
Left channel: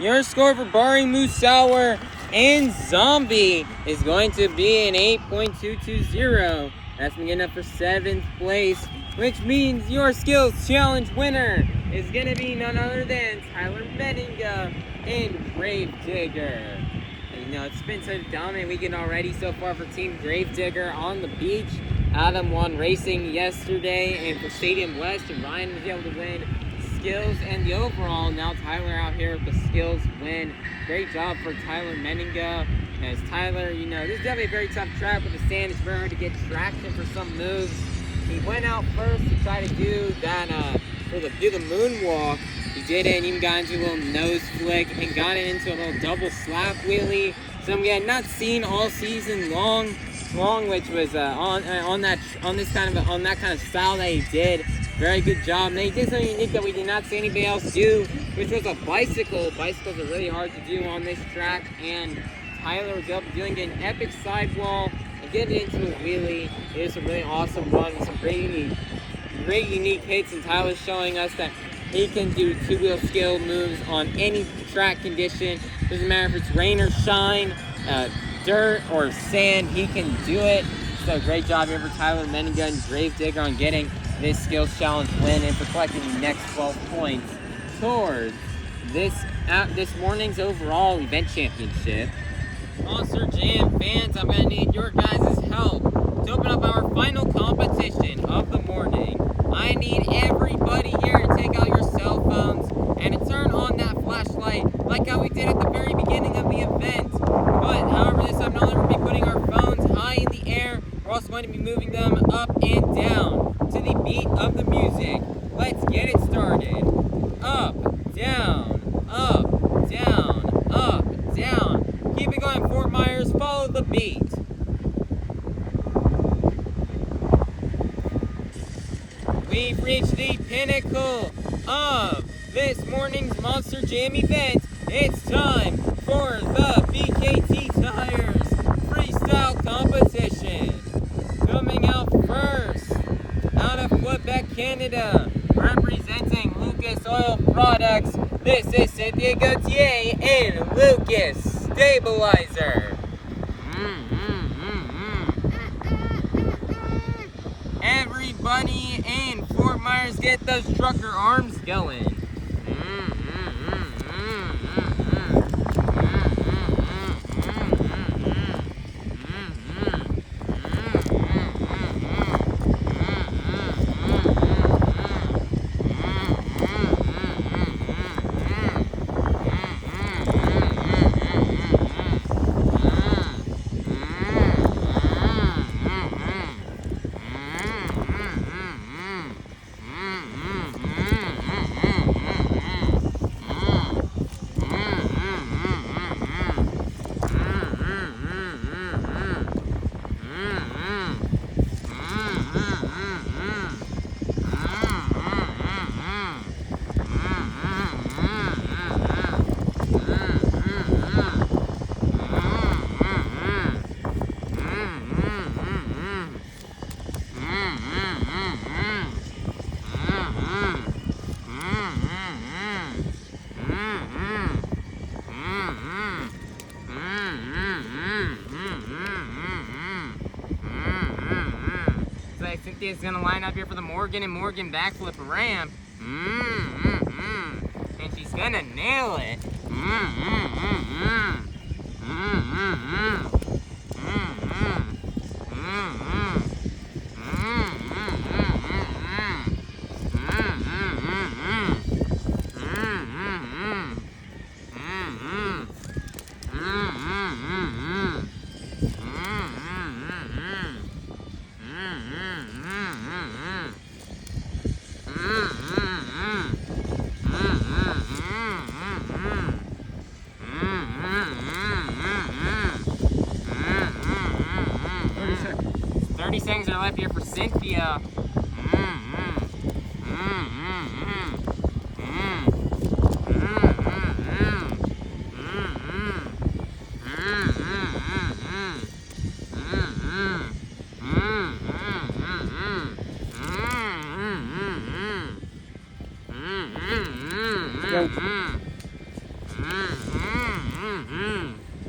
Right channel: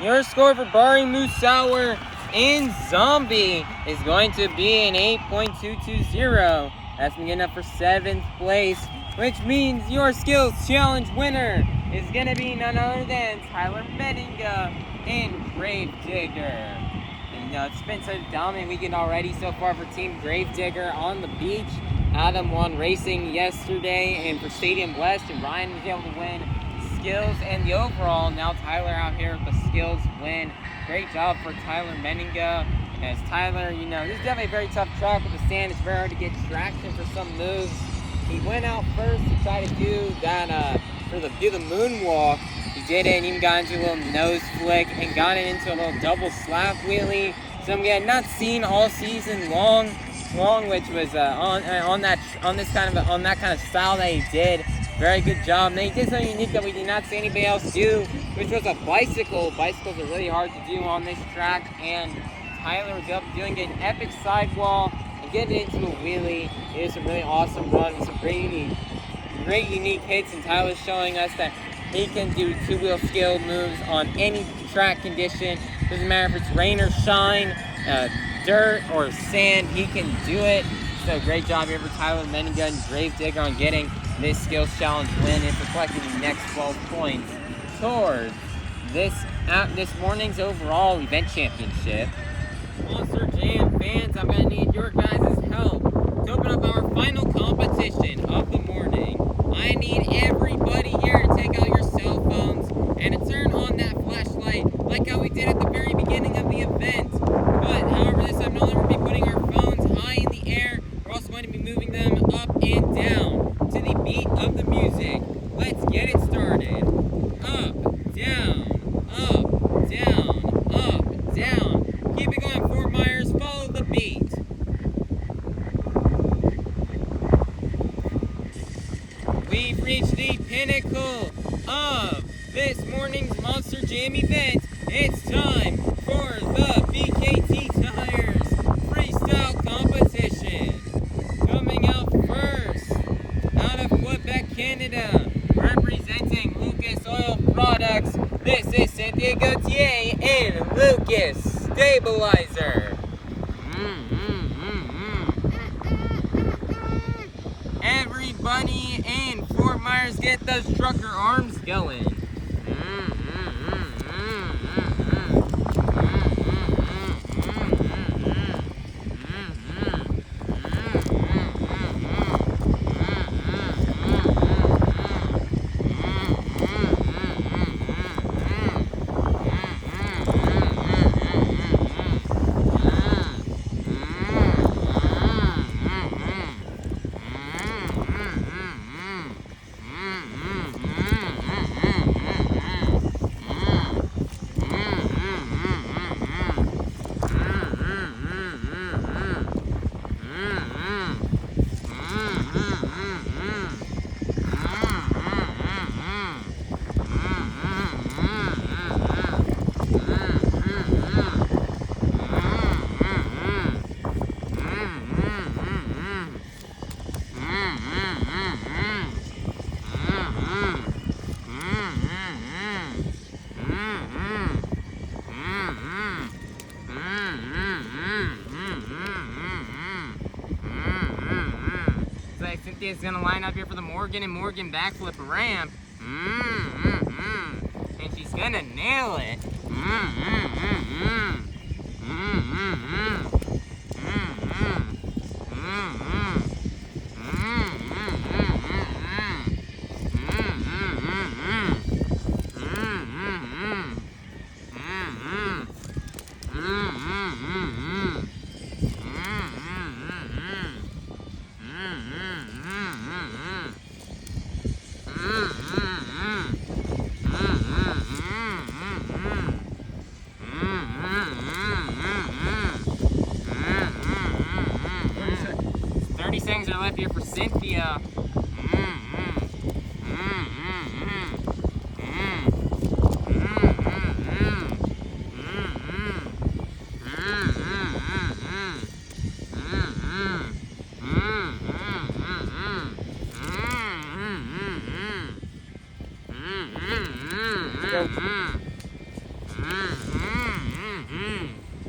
Your score for Bari Musawwir and Zombie is going to be an 8.220. That's good enough for 7th place, which means your skills challenge winner is going to be none other than Tyler Menninga and Gravedigger. And you know, it's been such a dominant weekend already so far for Team Gravedigger on the beach. Adam won racing yesterday, and for Stadium West, and Ryan was able to win skills and the overall. Now Tyler out here with the skills win. Great job for Tyler Menninga. As Tyler, you know, this is definitely a very tough track with the sand. It's very hard to get traction for some moves. He went out first to try to do that, do the moonwalk. He did it and even got into a little nose flick and got it into a little double slap wheelie. Something I had not seen all season long, which was on that kind of style that he did. Very good job. And he did something unique that we did not see anybody else do, which was a bicycle. Bicycles are really hard to do on this track, and Tyler was up doing an epic sidewall and getting into a wheelie. It was a really awesome run with some great unique hits, and Tyler's showing us that he can do two-wheel skill moves on any track condition. Doesn't matter if it's rain or shine, dirt or sand, he can do it. So great job here for Tyler Menninga and Gravedigger on getting this skills challenge win and for collecting the next 12 points towards this morning's overall event championship. Monster Jam fans, I'm going to need your guys' help to open up our final competition of the morning. I need everybody here to take out your cell phones and to turn on that flashlight like how we did at the very beginning of the event. But however, this time not only will we be putting our phones high in the air, we're also going to be moving them up and down to the beat of the music. Let's get it started. Up, down, up, down, up, down. Keep it going, Fort Myers. Follow the beat. We've reached the pinnacle of this morning's Monster Jam event. It's time for the BKT Tires Freestyle Competition. Coming out first, out of Quebec, Canada, representing Lucas Oil Products, this is Cynthia Gauthier and Lucas Stabilizer. Everybody in Fort Myers, get those trucker arms going. She's gonna line up here for the Morgan and Morgan backflip ramp. And she's gonna nail it. Seconds are left here for Cynthia.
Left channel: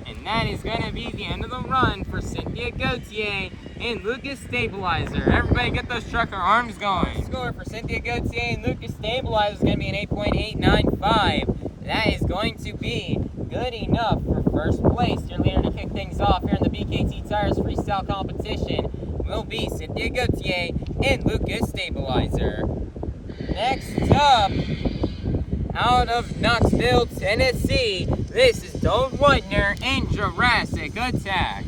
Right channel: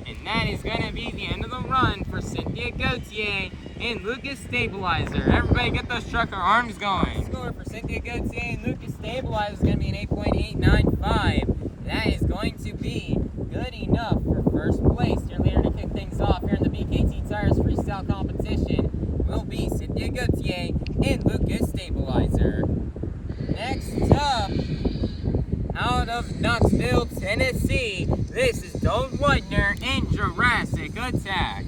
And that is going to be the end of the run for Cynthia Gauthier and Lucas Stabilizer. Everybody get those trucker arms going. Score for Cynthia Gauthier and Lucas Stabilizer is going to be an 8.895. That is going to be good enough for first place. Your leader to kick things off here in the BKT Tires Freestyle competition will be Cynthia Gauthier and Lucas Stabilizer. Next up, out of Knoxville, Tennessee, this is Dalton Widner and Jurassic Attack.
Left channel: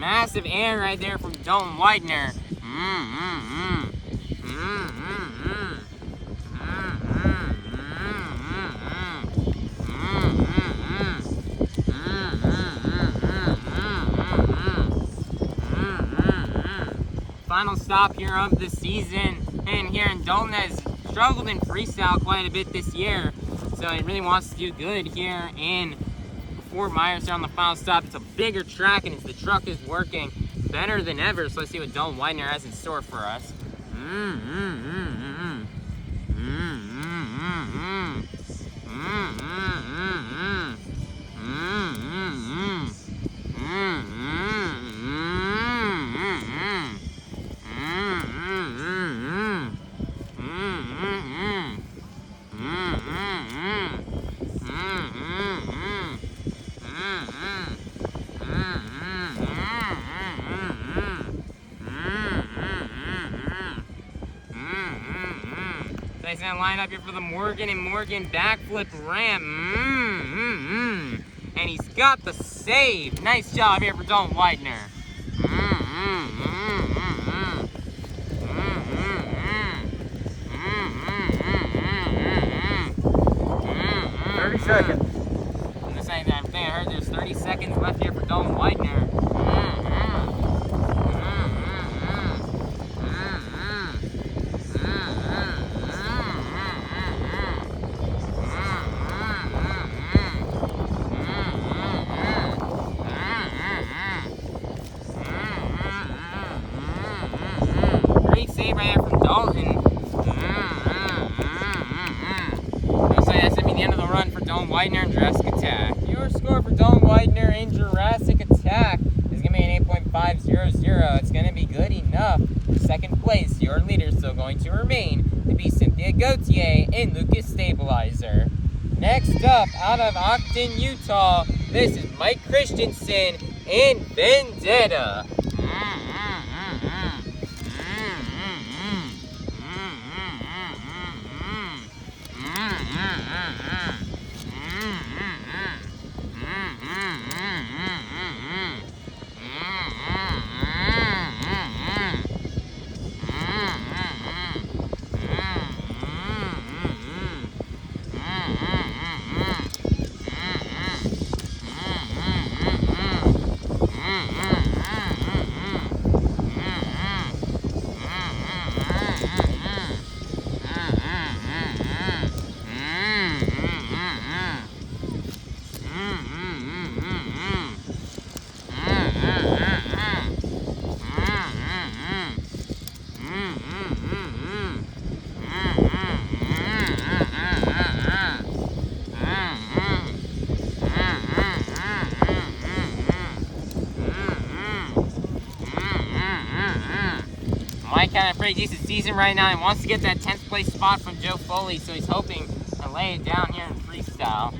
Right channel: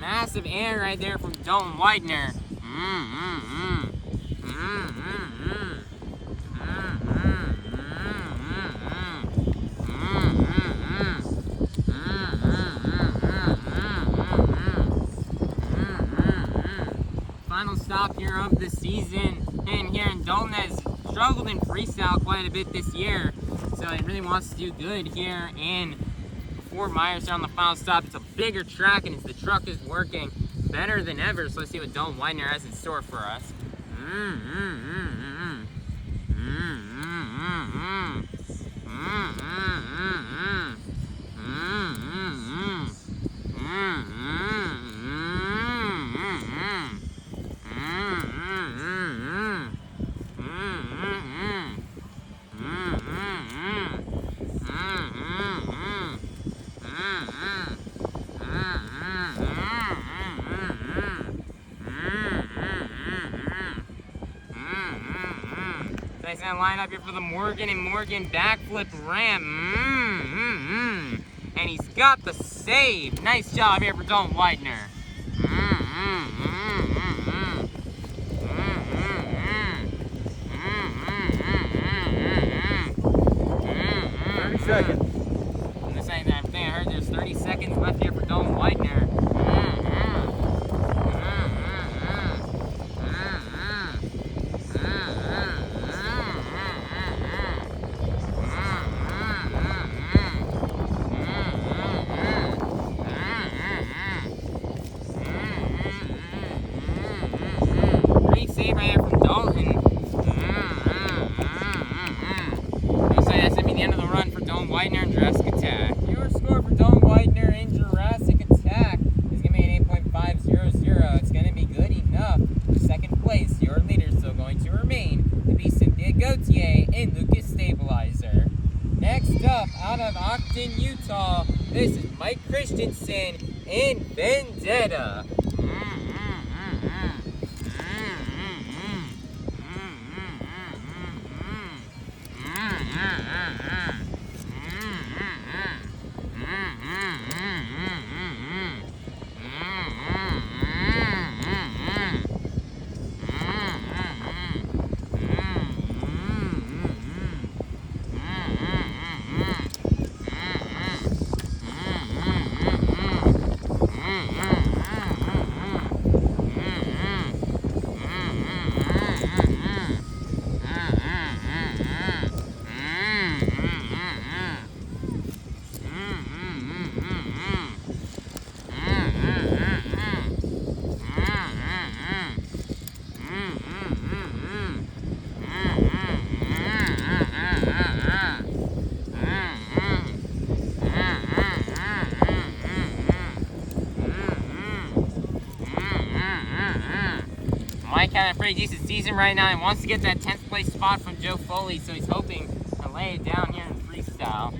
Massive air right there from Dalton Widner. Final stop here of the season, and here in Dalton has struggled in freestyle quite a bit this year, so he really wants to do good here in Fort Myers here on the final stop. It's a bigger track, and the truck is working better than ever, so let's see what Dalton Widner has in store for us. So he's gonna line up here for the Morgan and Morgan backflip ramp. And he's got the save. Nice job here for Dalton Widner. 30 seconds. I'm just saying that. I think I heard there's 30 seconds left here for Dalton Widner. Great save right there from Dalton. That's going to be the end of the run for Dalton Widner and Jurassic Attack. Your score for Dalton Widner and Jurassic Attack is going to be an 8.500. It's going to be good enough for second place. Your leader is still going to remain to be Cynthia Gauthier and Lucas Stabilizer. Next up, out of Ogden, Utah, this is Mike Christensen and Vendetta. Mike had a pretty decent season right now. He wants to get that 10th place spot from Joe Foley, so he's hoping to lay it down here in freestyle.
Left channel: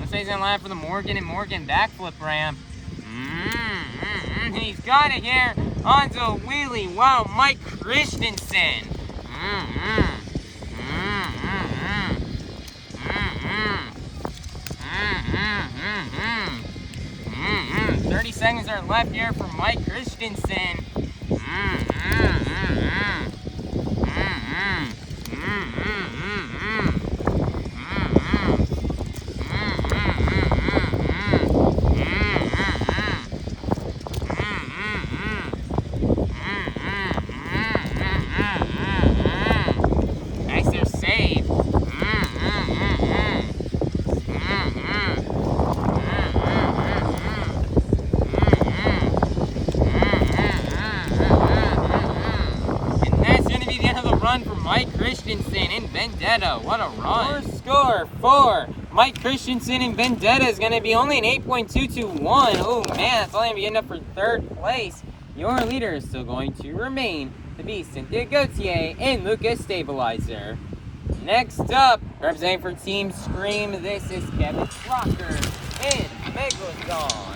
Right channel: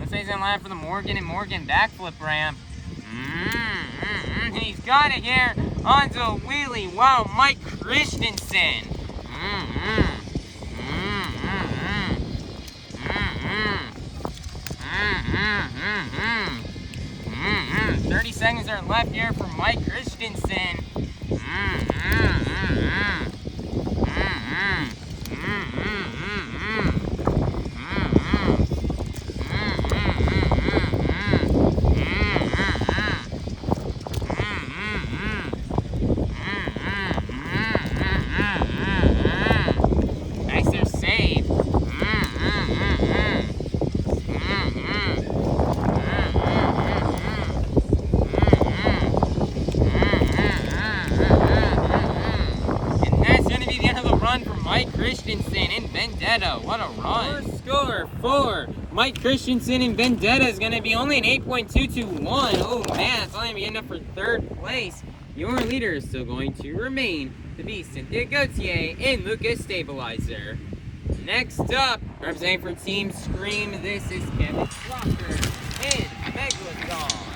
Looks like he's gonna line up for the Morgan and Morgan backflip ramp. He's got it here onto a wheelie. Wow, Mike Christensen. 30 seconds are left here for Mike Christensen. 'Vendetta, what a run. Score for Mike Christensen and Vendetta is going to be only an 8.221. Oh man, it's only going to be enough for 3rd place. Your leader is still going to remain to be Cynthia Gauthier and Lucas Stabilizer. Next up, representing for Team Scream, this is Kevin Crocker and Megalodon.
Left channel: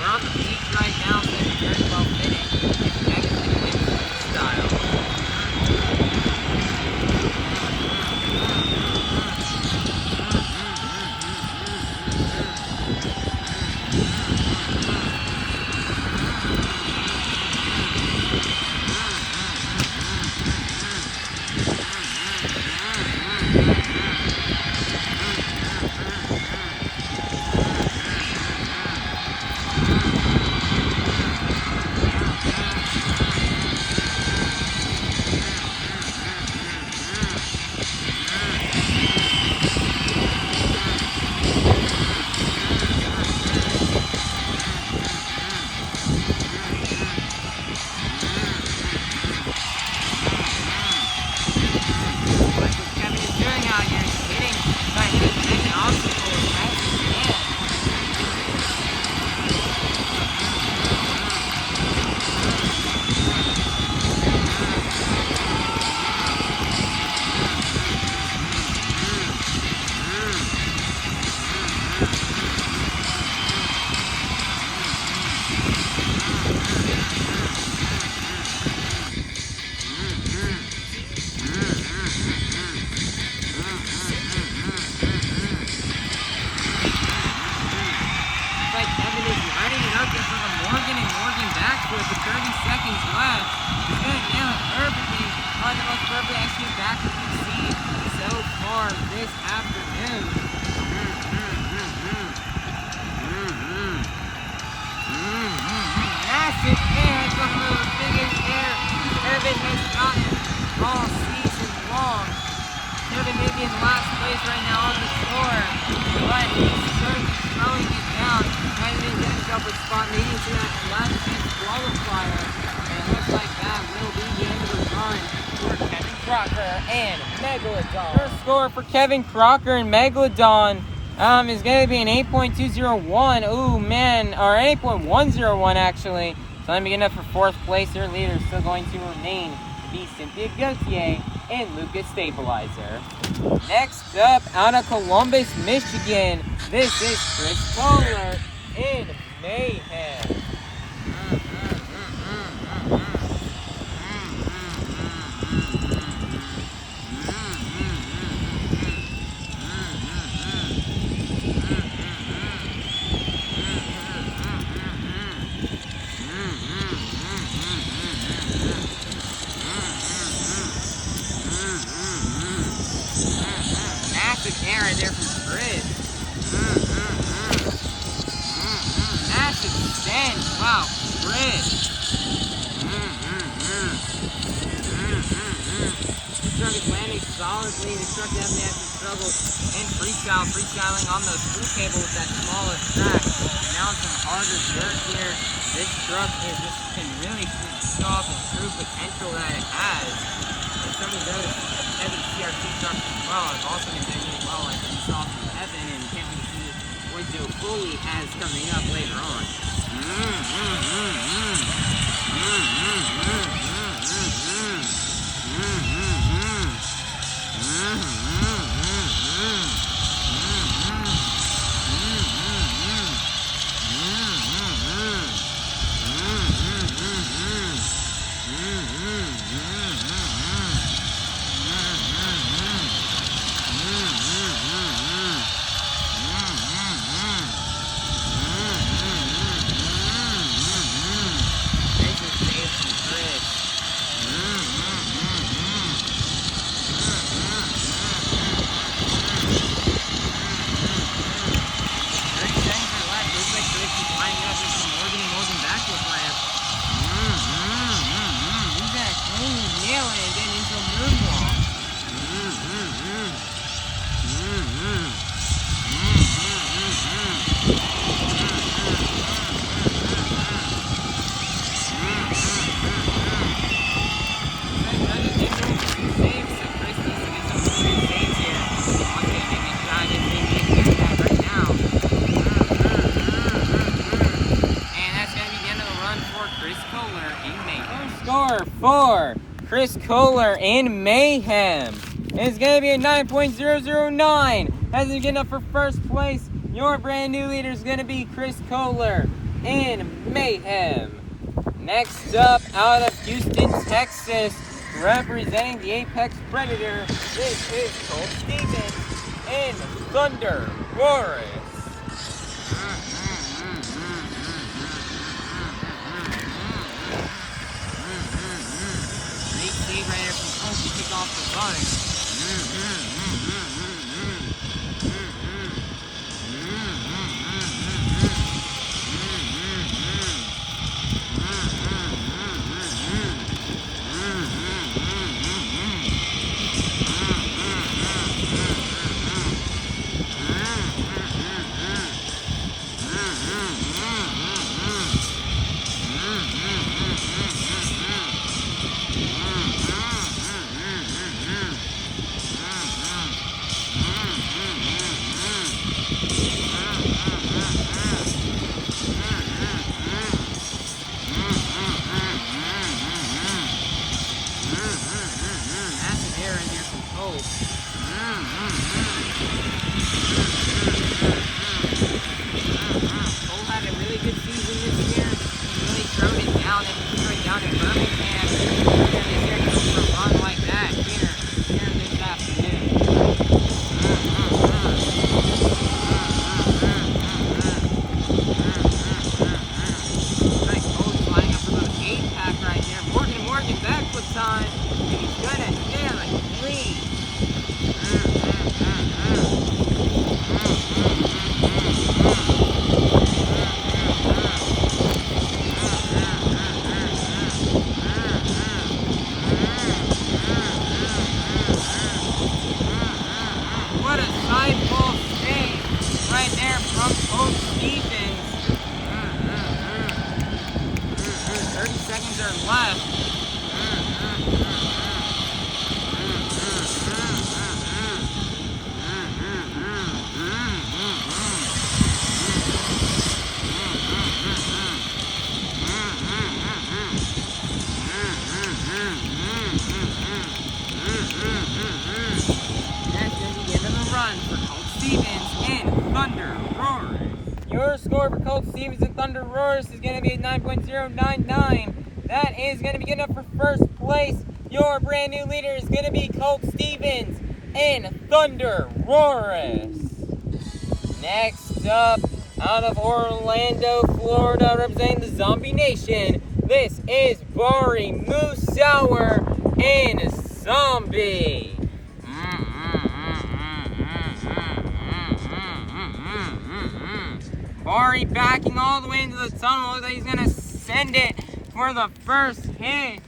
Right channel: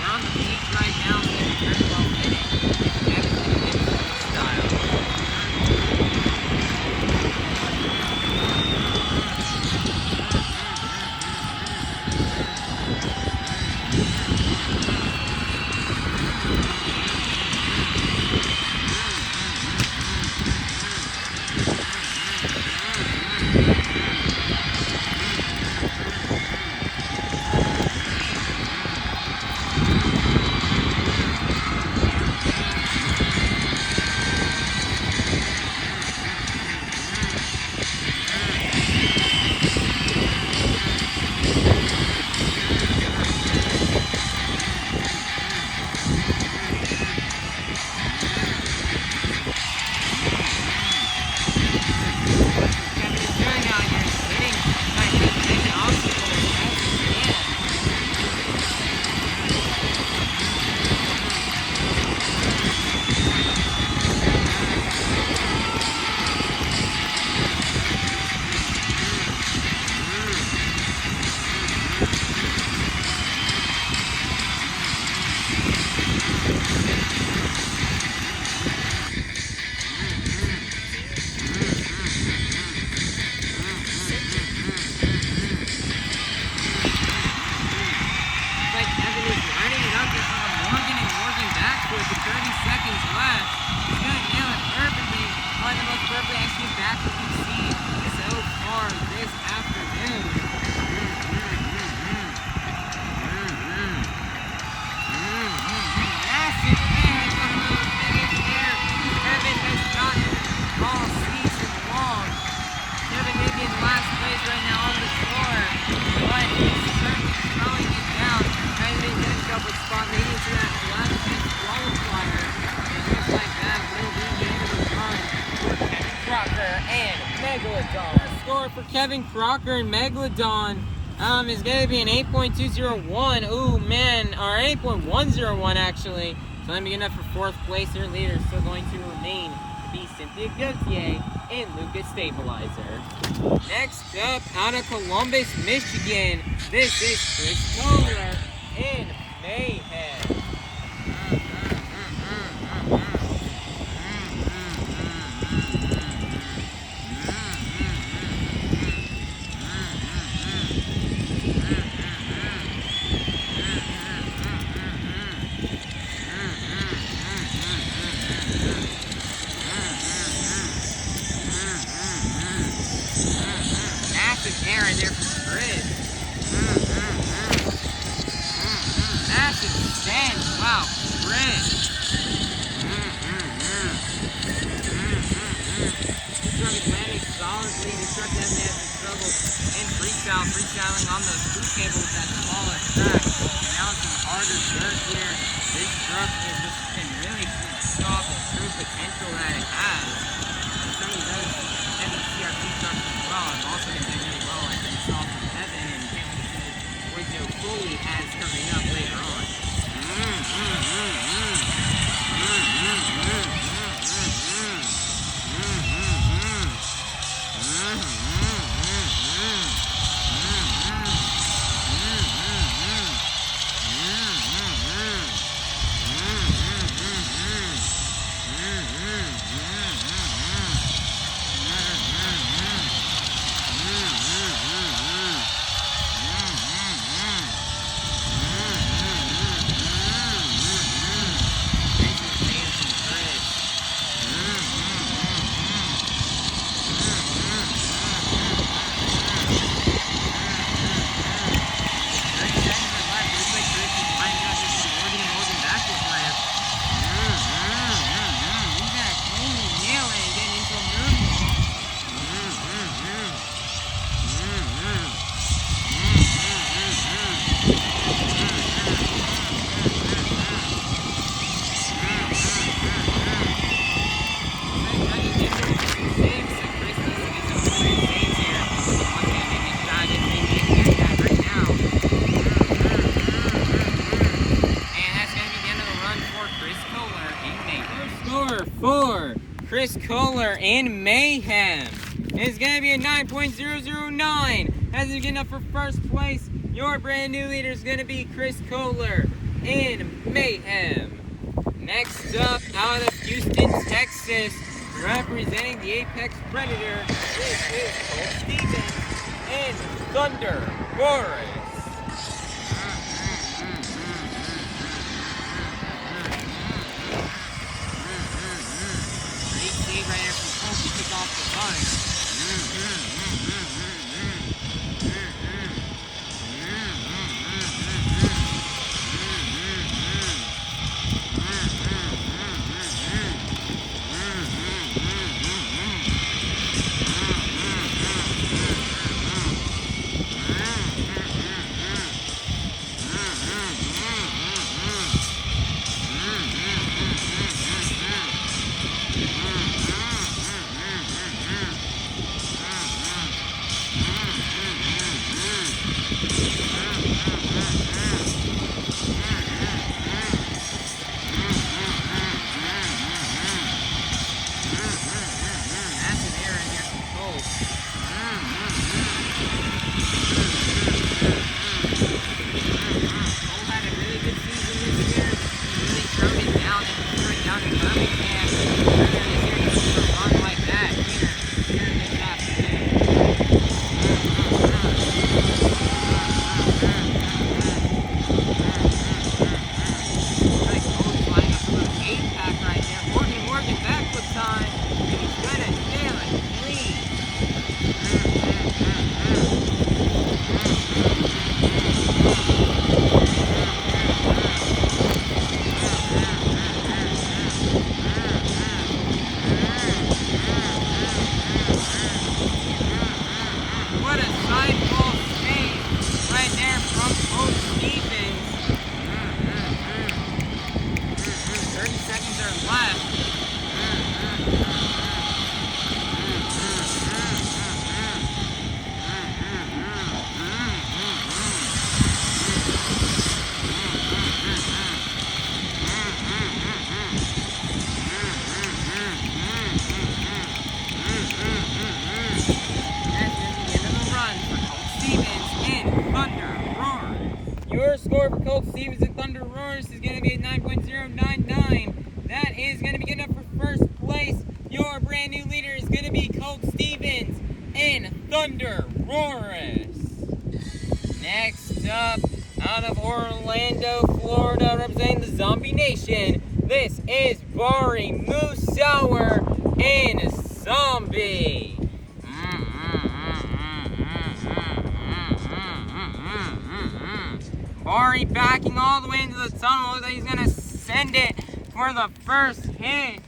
We're on the beach right now, so it's very well fitting. It's Camden style. Kevin Crocker and Megalodon is going to be an 8.201. Ooh, man, or 8.101 actually. So I'm beginning up for 4th place. Their leader is still going to remain to be Cynthia Gauthier and Lucas Stabilizer. Next up, out of Columbus, Michigan, this is Koehler and Mayhem. Error there from Chris. Massive stand. Wow, Chris. This truck is landing solidly. This truck definitely has some struggled in freestyling on the school table with that smaller track. And now some harder dirt here. This truck can really show off the true potential that it has. And some of these other heavy CRT trucks as well have also been doing really well, like we saw from Evan, and can't wait to see what Joe Foley has coming up later on. Koehler and Mayhem. It's going to be a 9.009. As we get up for first place, your brand new leader is going to be Koehler and Mayhem. Next up, out of Houston, Texas, representing the Apex Predator, this is Colt Stevens and ThunderROARus. Right there from Colt to kick off the run. Score for Colt Stevens and ThunderROARus is going to be a 9.099. That is going to be getting up for first place. Your brand new leader is going to be Colt Stevens and ThunderROARus. Next up, out of Orlando, Florida, representing the Zombie Nation, this is Bari, Musawwir, and Zombie. Bari backing all the way into the tunnel. Looks like he's gonna send it for the first hit.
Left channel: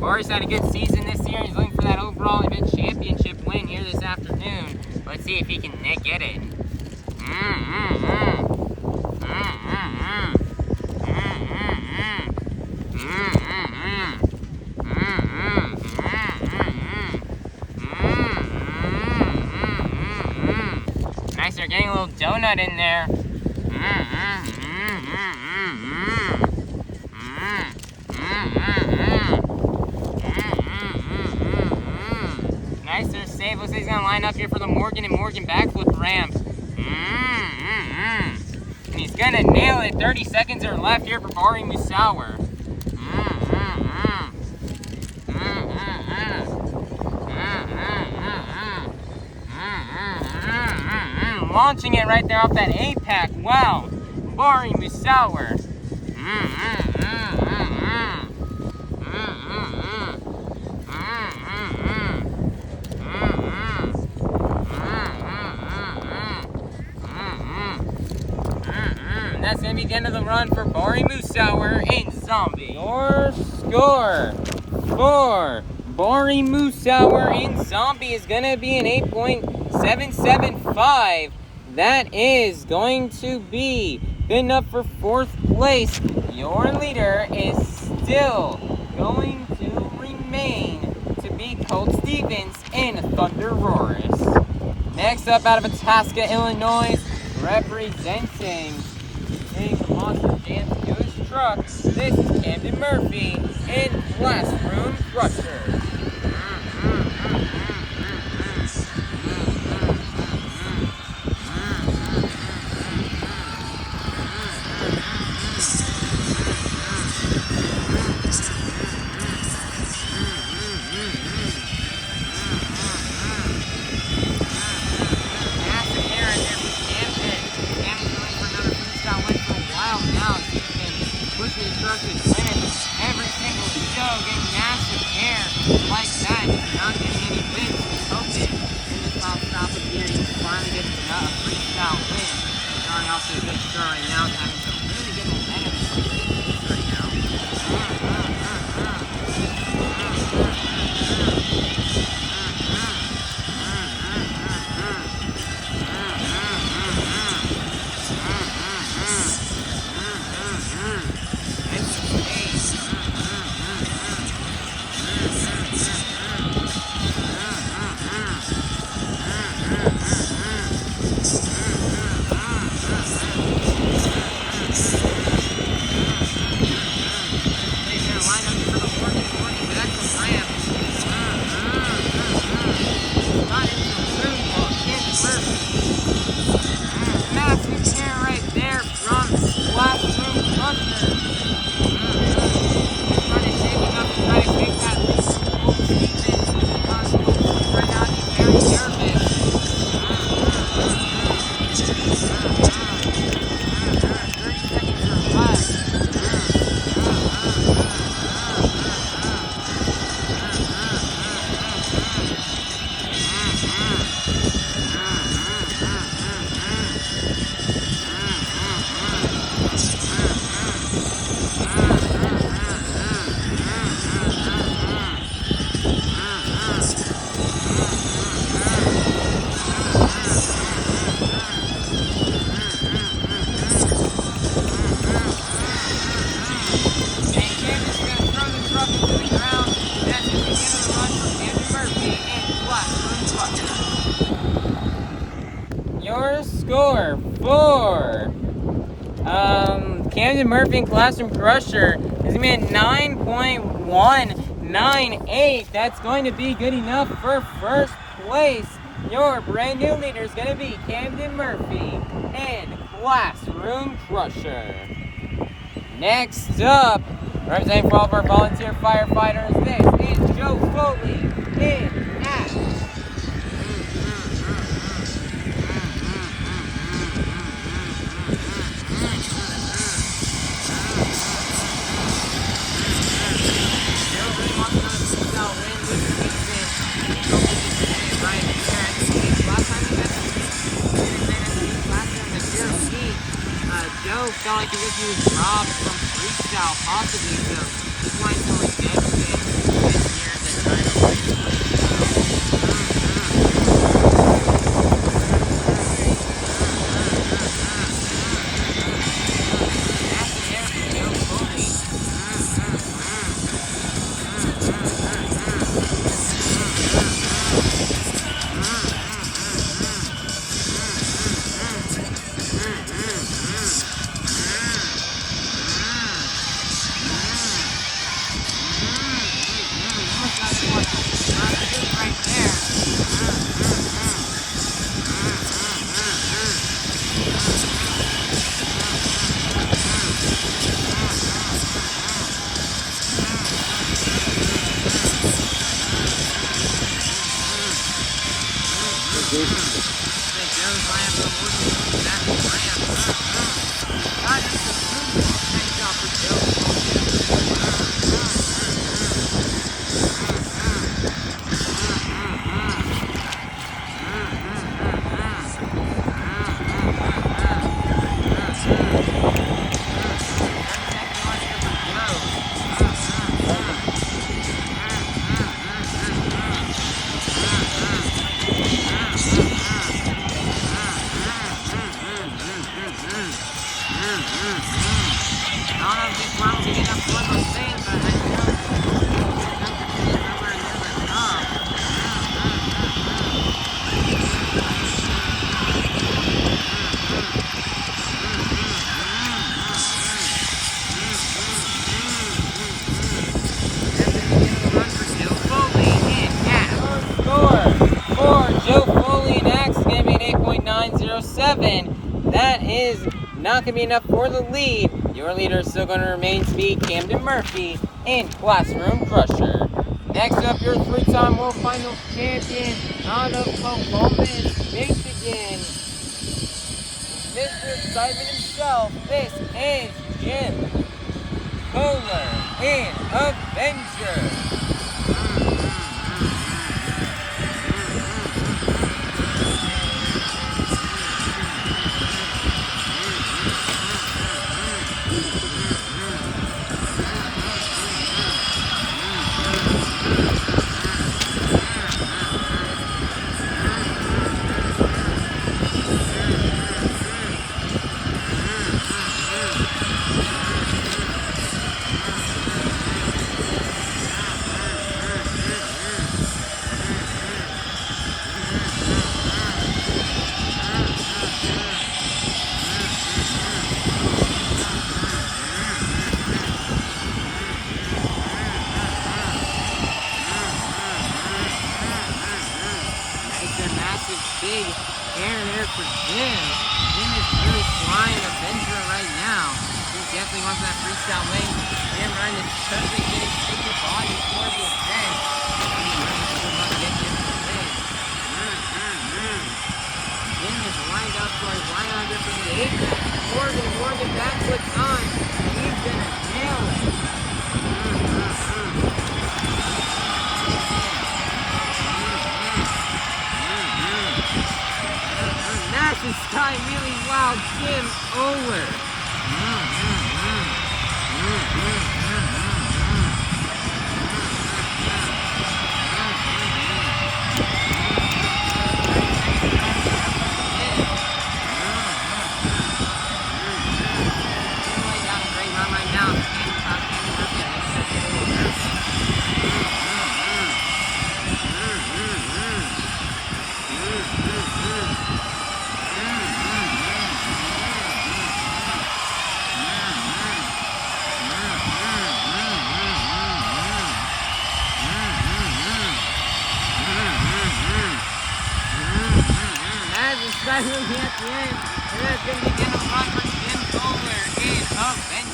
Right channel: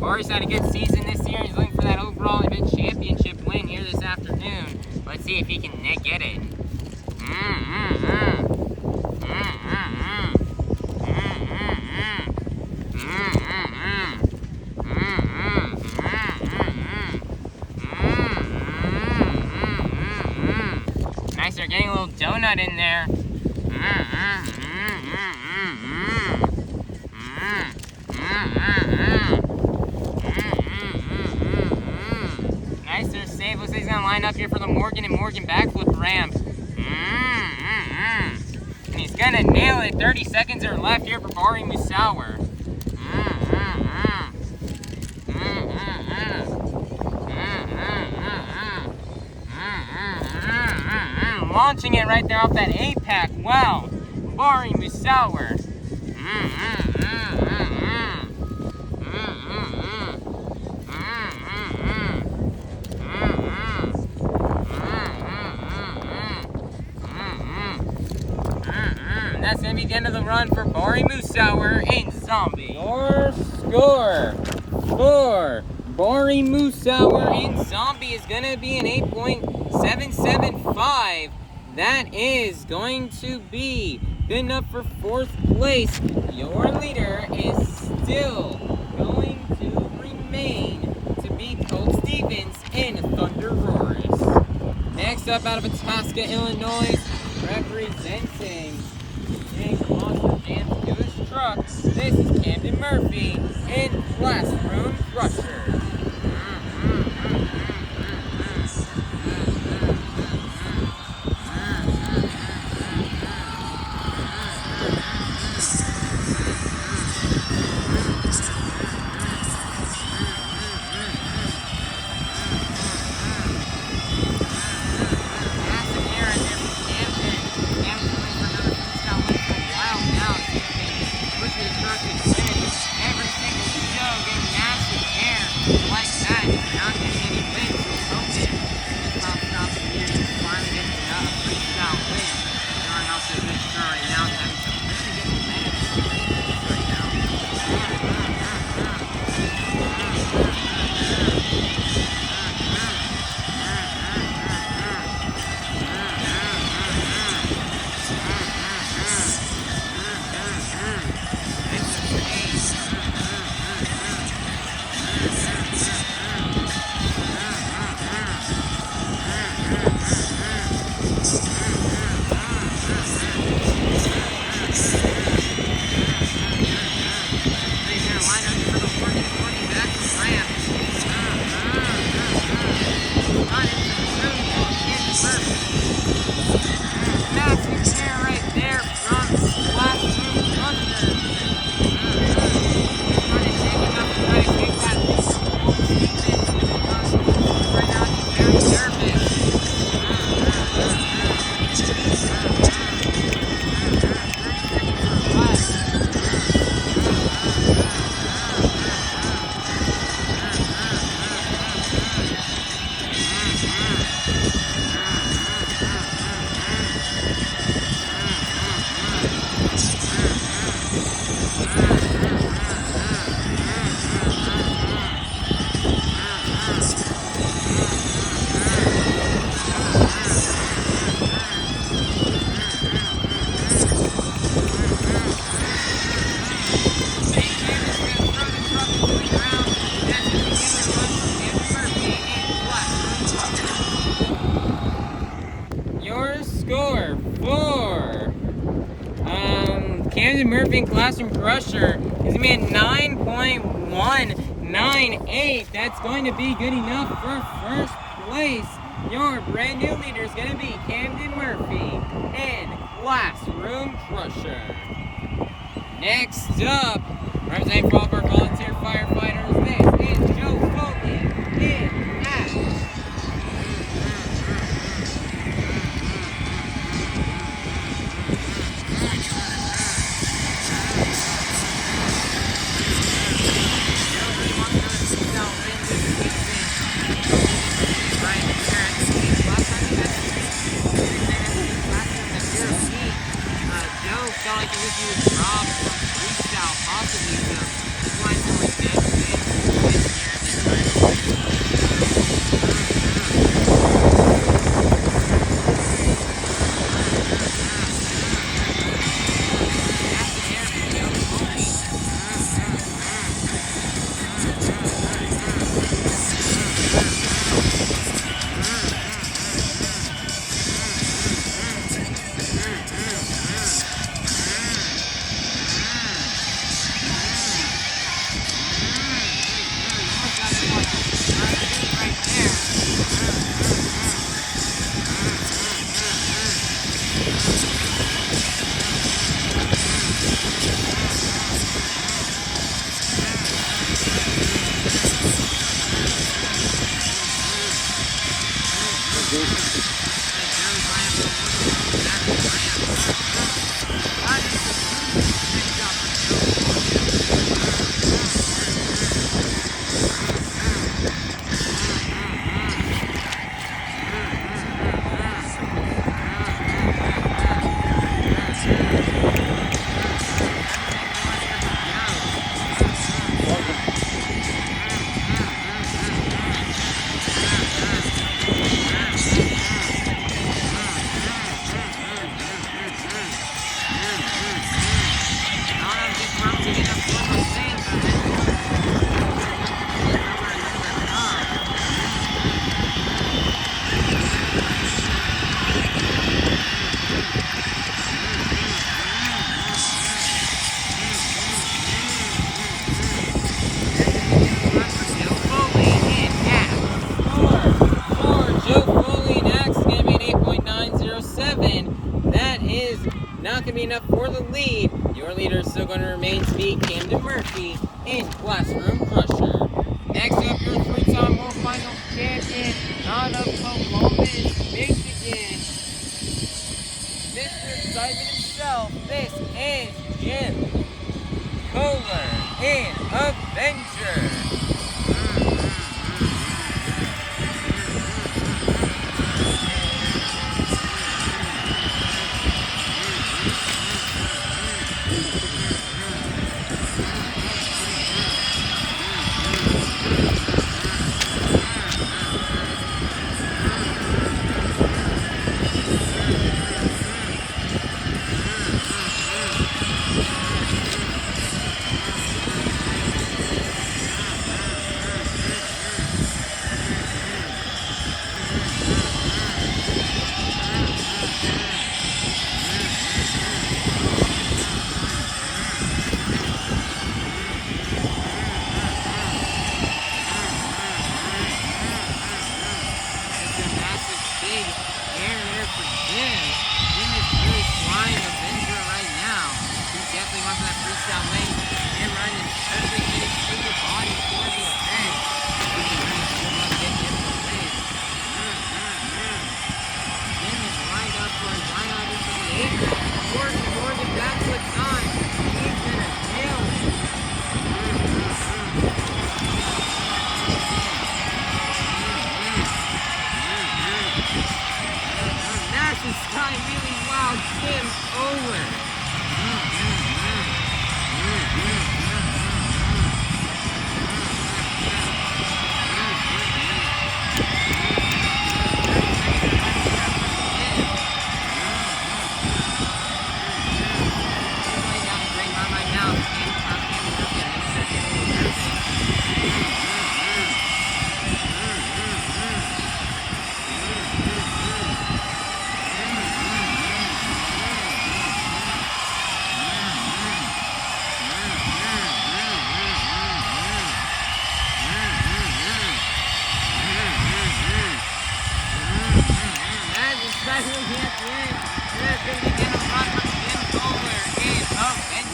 Bari's had a good season this year. He's looking for that overall event championship win here this afternoon. Let's see if he can get it. Nice, they're getting a little donut in there. Nice, they're safe. Looks like he's gonna line up here for the Morgan and Morgan backflip ramp. And he's gonna nail it. 30 seconds are left here for Bari Musawwir. Launching it right there off that apex. Wow, Bari Musawwir. That's gonna be the end of the run for Bari Musawwir in Zombie. Your score for Bari Musawwir in Zombie is gonna be an 8.775. That is going to be good enough for 4th place. Your leader is still going to remain to be Colt Stevens in ThunderROARus. Next up, out of Itasca, Illinois, representing the Monster Jam's newest truck, this is Camden Murphy in Classroom Crusher. Every single show, getting massive air like that. Not getting any wins. Hoping in this top stop here, you can finally get a freestyle win. Starting off to a good start right now, having some really good momentum right now. Camden Murphy and Classroom Crusher is going to be at 9.198. That's going to be good enough for 1st place. Your brand new leader is going to be Camden Murphy and Classroom Crusher. Next up, representing for all of our volunteer firefighters, this is Joe Foley in Ash. 9.198. felt like as if he was robbed from freestyle, possibly to find some redemption this year in the title race. That's the air for Joe Foley. Not going to be enough for the lead. Your leader is still going to remain to be Camden Murphy and Classroom Crusher. Next up, your three-time World Finals champion out of Columbus, Michigan, Mr. Excitement himself. This is Jim Koehler and Avenger.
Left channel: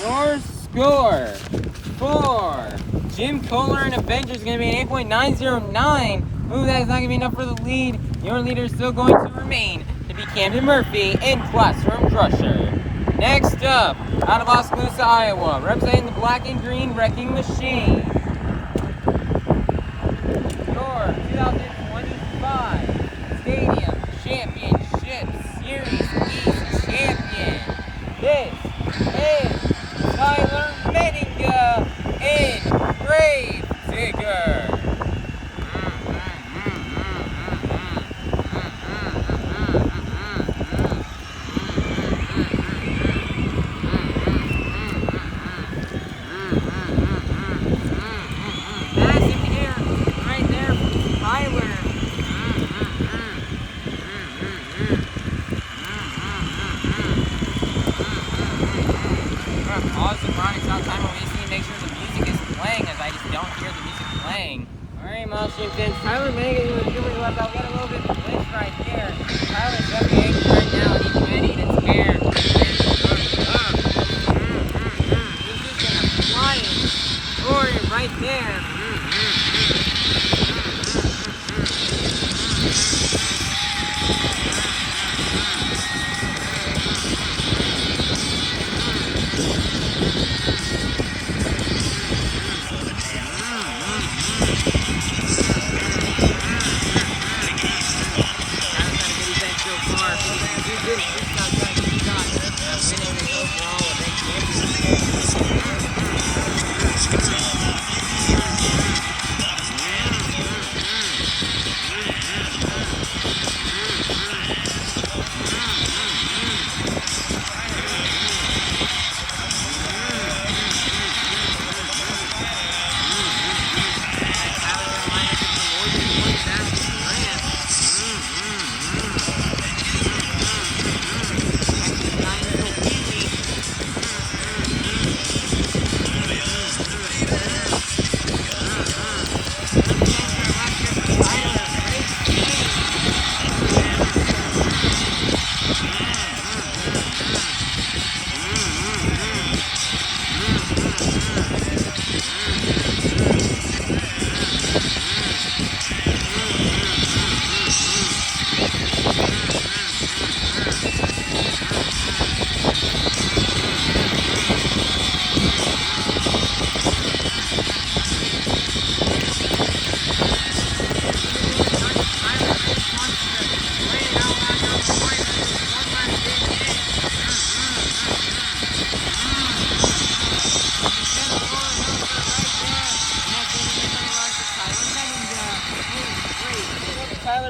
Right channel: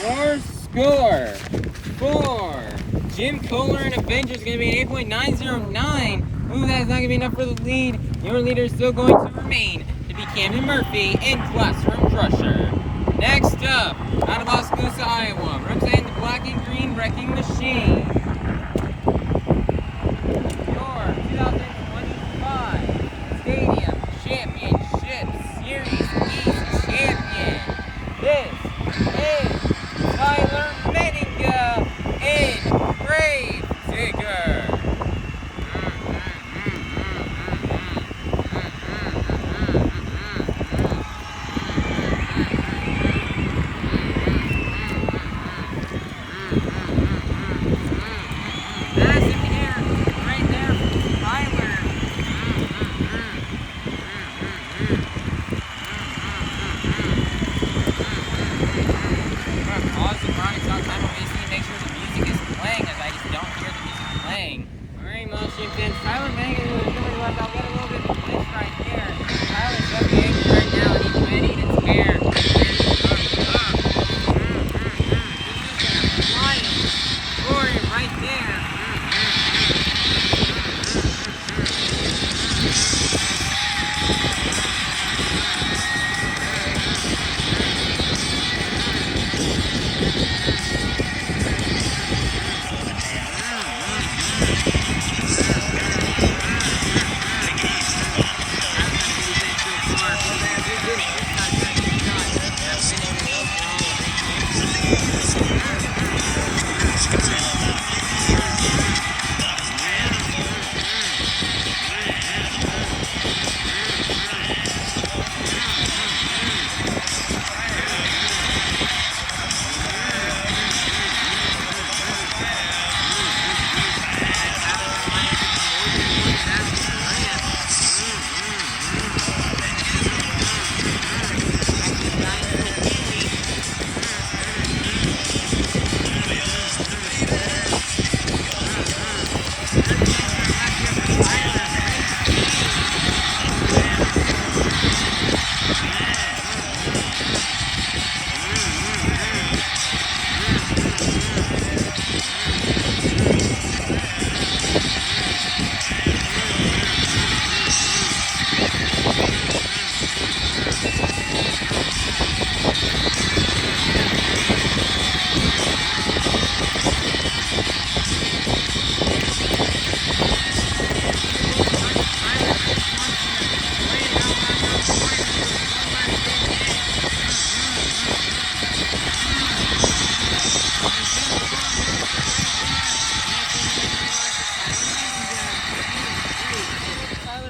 Your score for Jim Koehler and Avenger is going to be an 8.909. Ooh, that is not going to be enough for the lead. Your leader is still going to remain to be Camden Murphy and Classroom Crusher. Next up, out of Oskaloosa, Iowa, representing the Black and Green Wrecking Machine, your 2025 Stadium Championship Series East champion. This don't hear the music playing. Alright, Mushroom fans, Tyler Menninga is doing left. I'll get a little bit of glitch right here. Tyler's up the angle right now and he's ready to tear. This is gonna fly for you right there.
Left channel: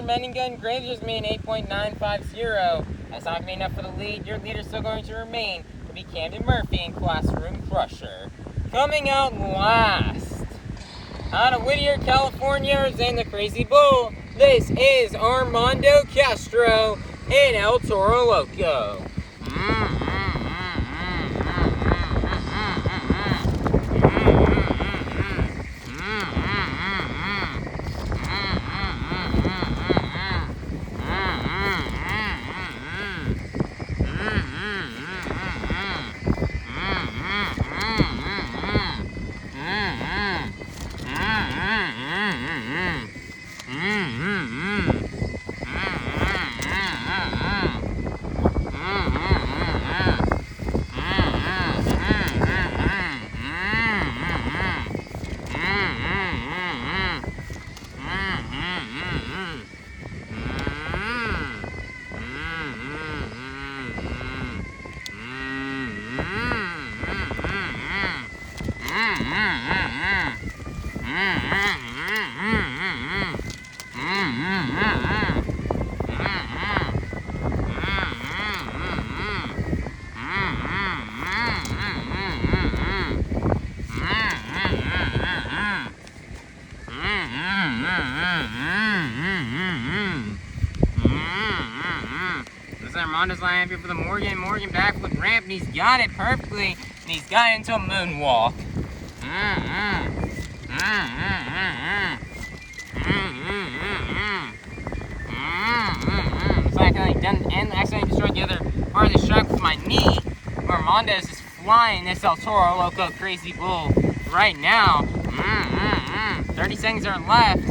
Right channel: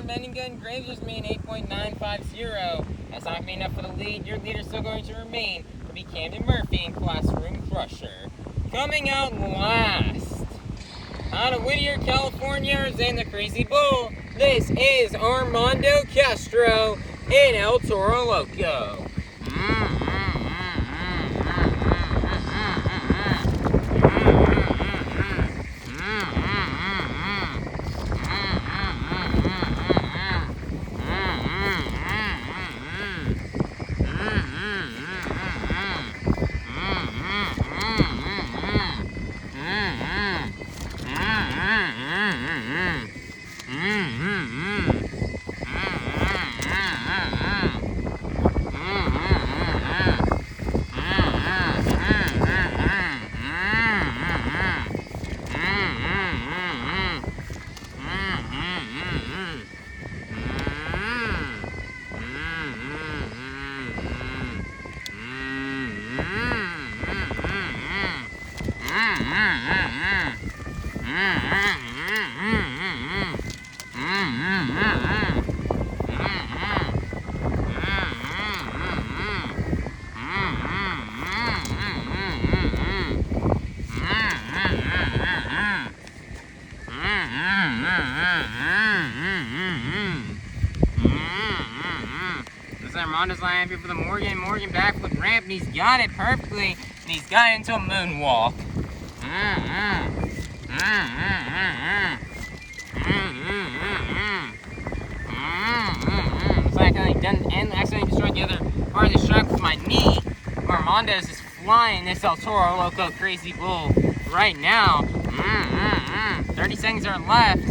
Menninga and Graves just made an 8.950. That's not going to be enough for the lead. Your leader is still going to remain to be Camden Murphy and Classroom Crusher. Coming out last, out of Whittier, California, is in the Crazy Bull. This is Armando Castro and El Toro Loco. Armando's lining up here for the Morgan backflip ramp, and he's got it perfectly, and he's got it into a moonwalk. Looks like I accidentally destroyed the other part of the track with my knee. Armando is just flying this El Toro Loco Crazy Bull right now. 30 seconds are left.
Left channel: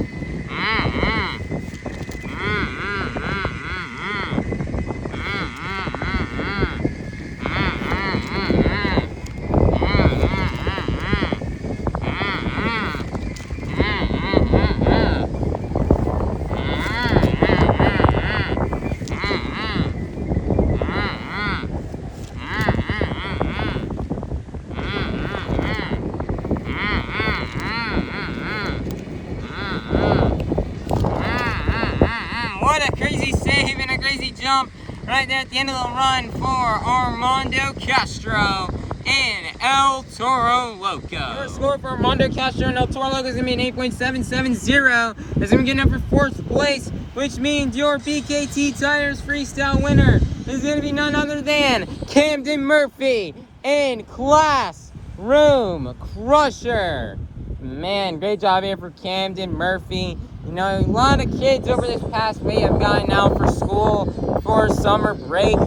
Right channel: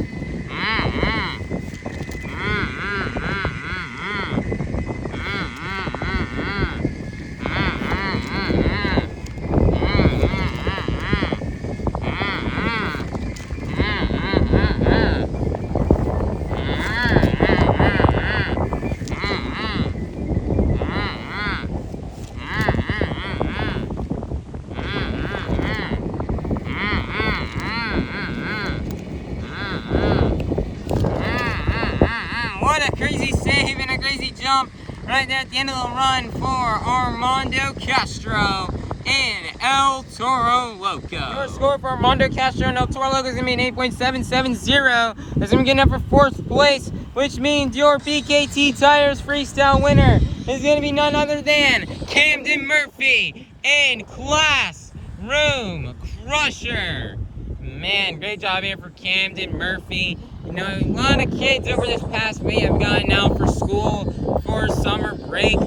Right there at the end of the run for Armando Castro and El Toro Loco. Your score for Armando Castro and El Toro Loco is going to be an 8.770. That's going to be good enough for 4th place, which means your BKT Tires Freestyle winner is going to be none other than Camden Murphy and Classroom Crusher. man, great job here for Camden, Murphy. You know, a lot of kids over this past week have gotten out for school for summer break.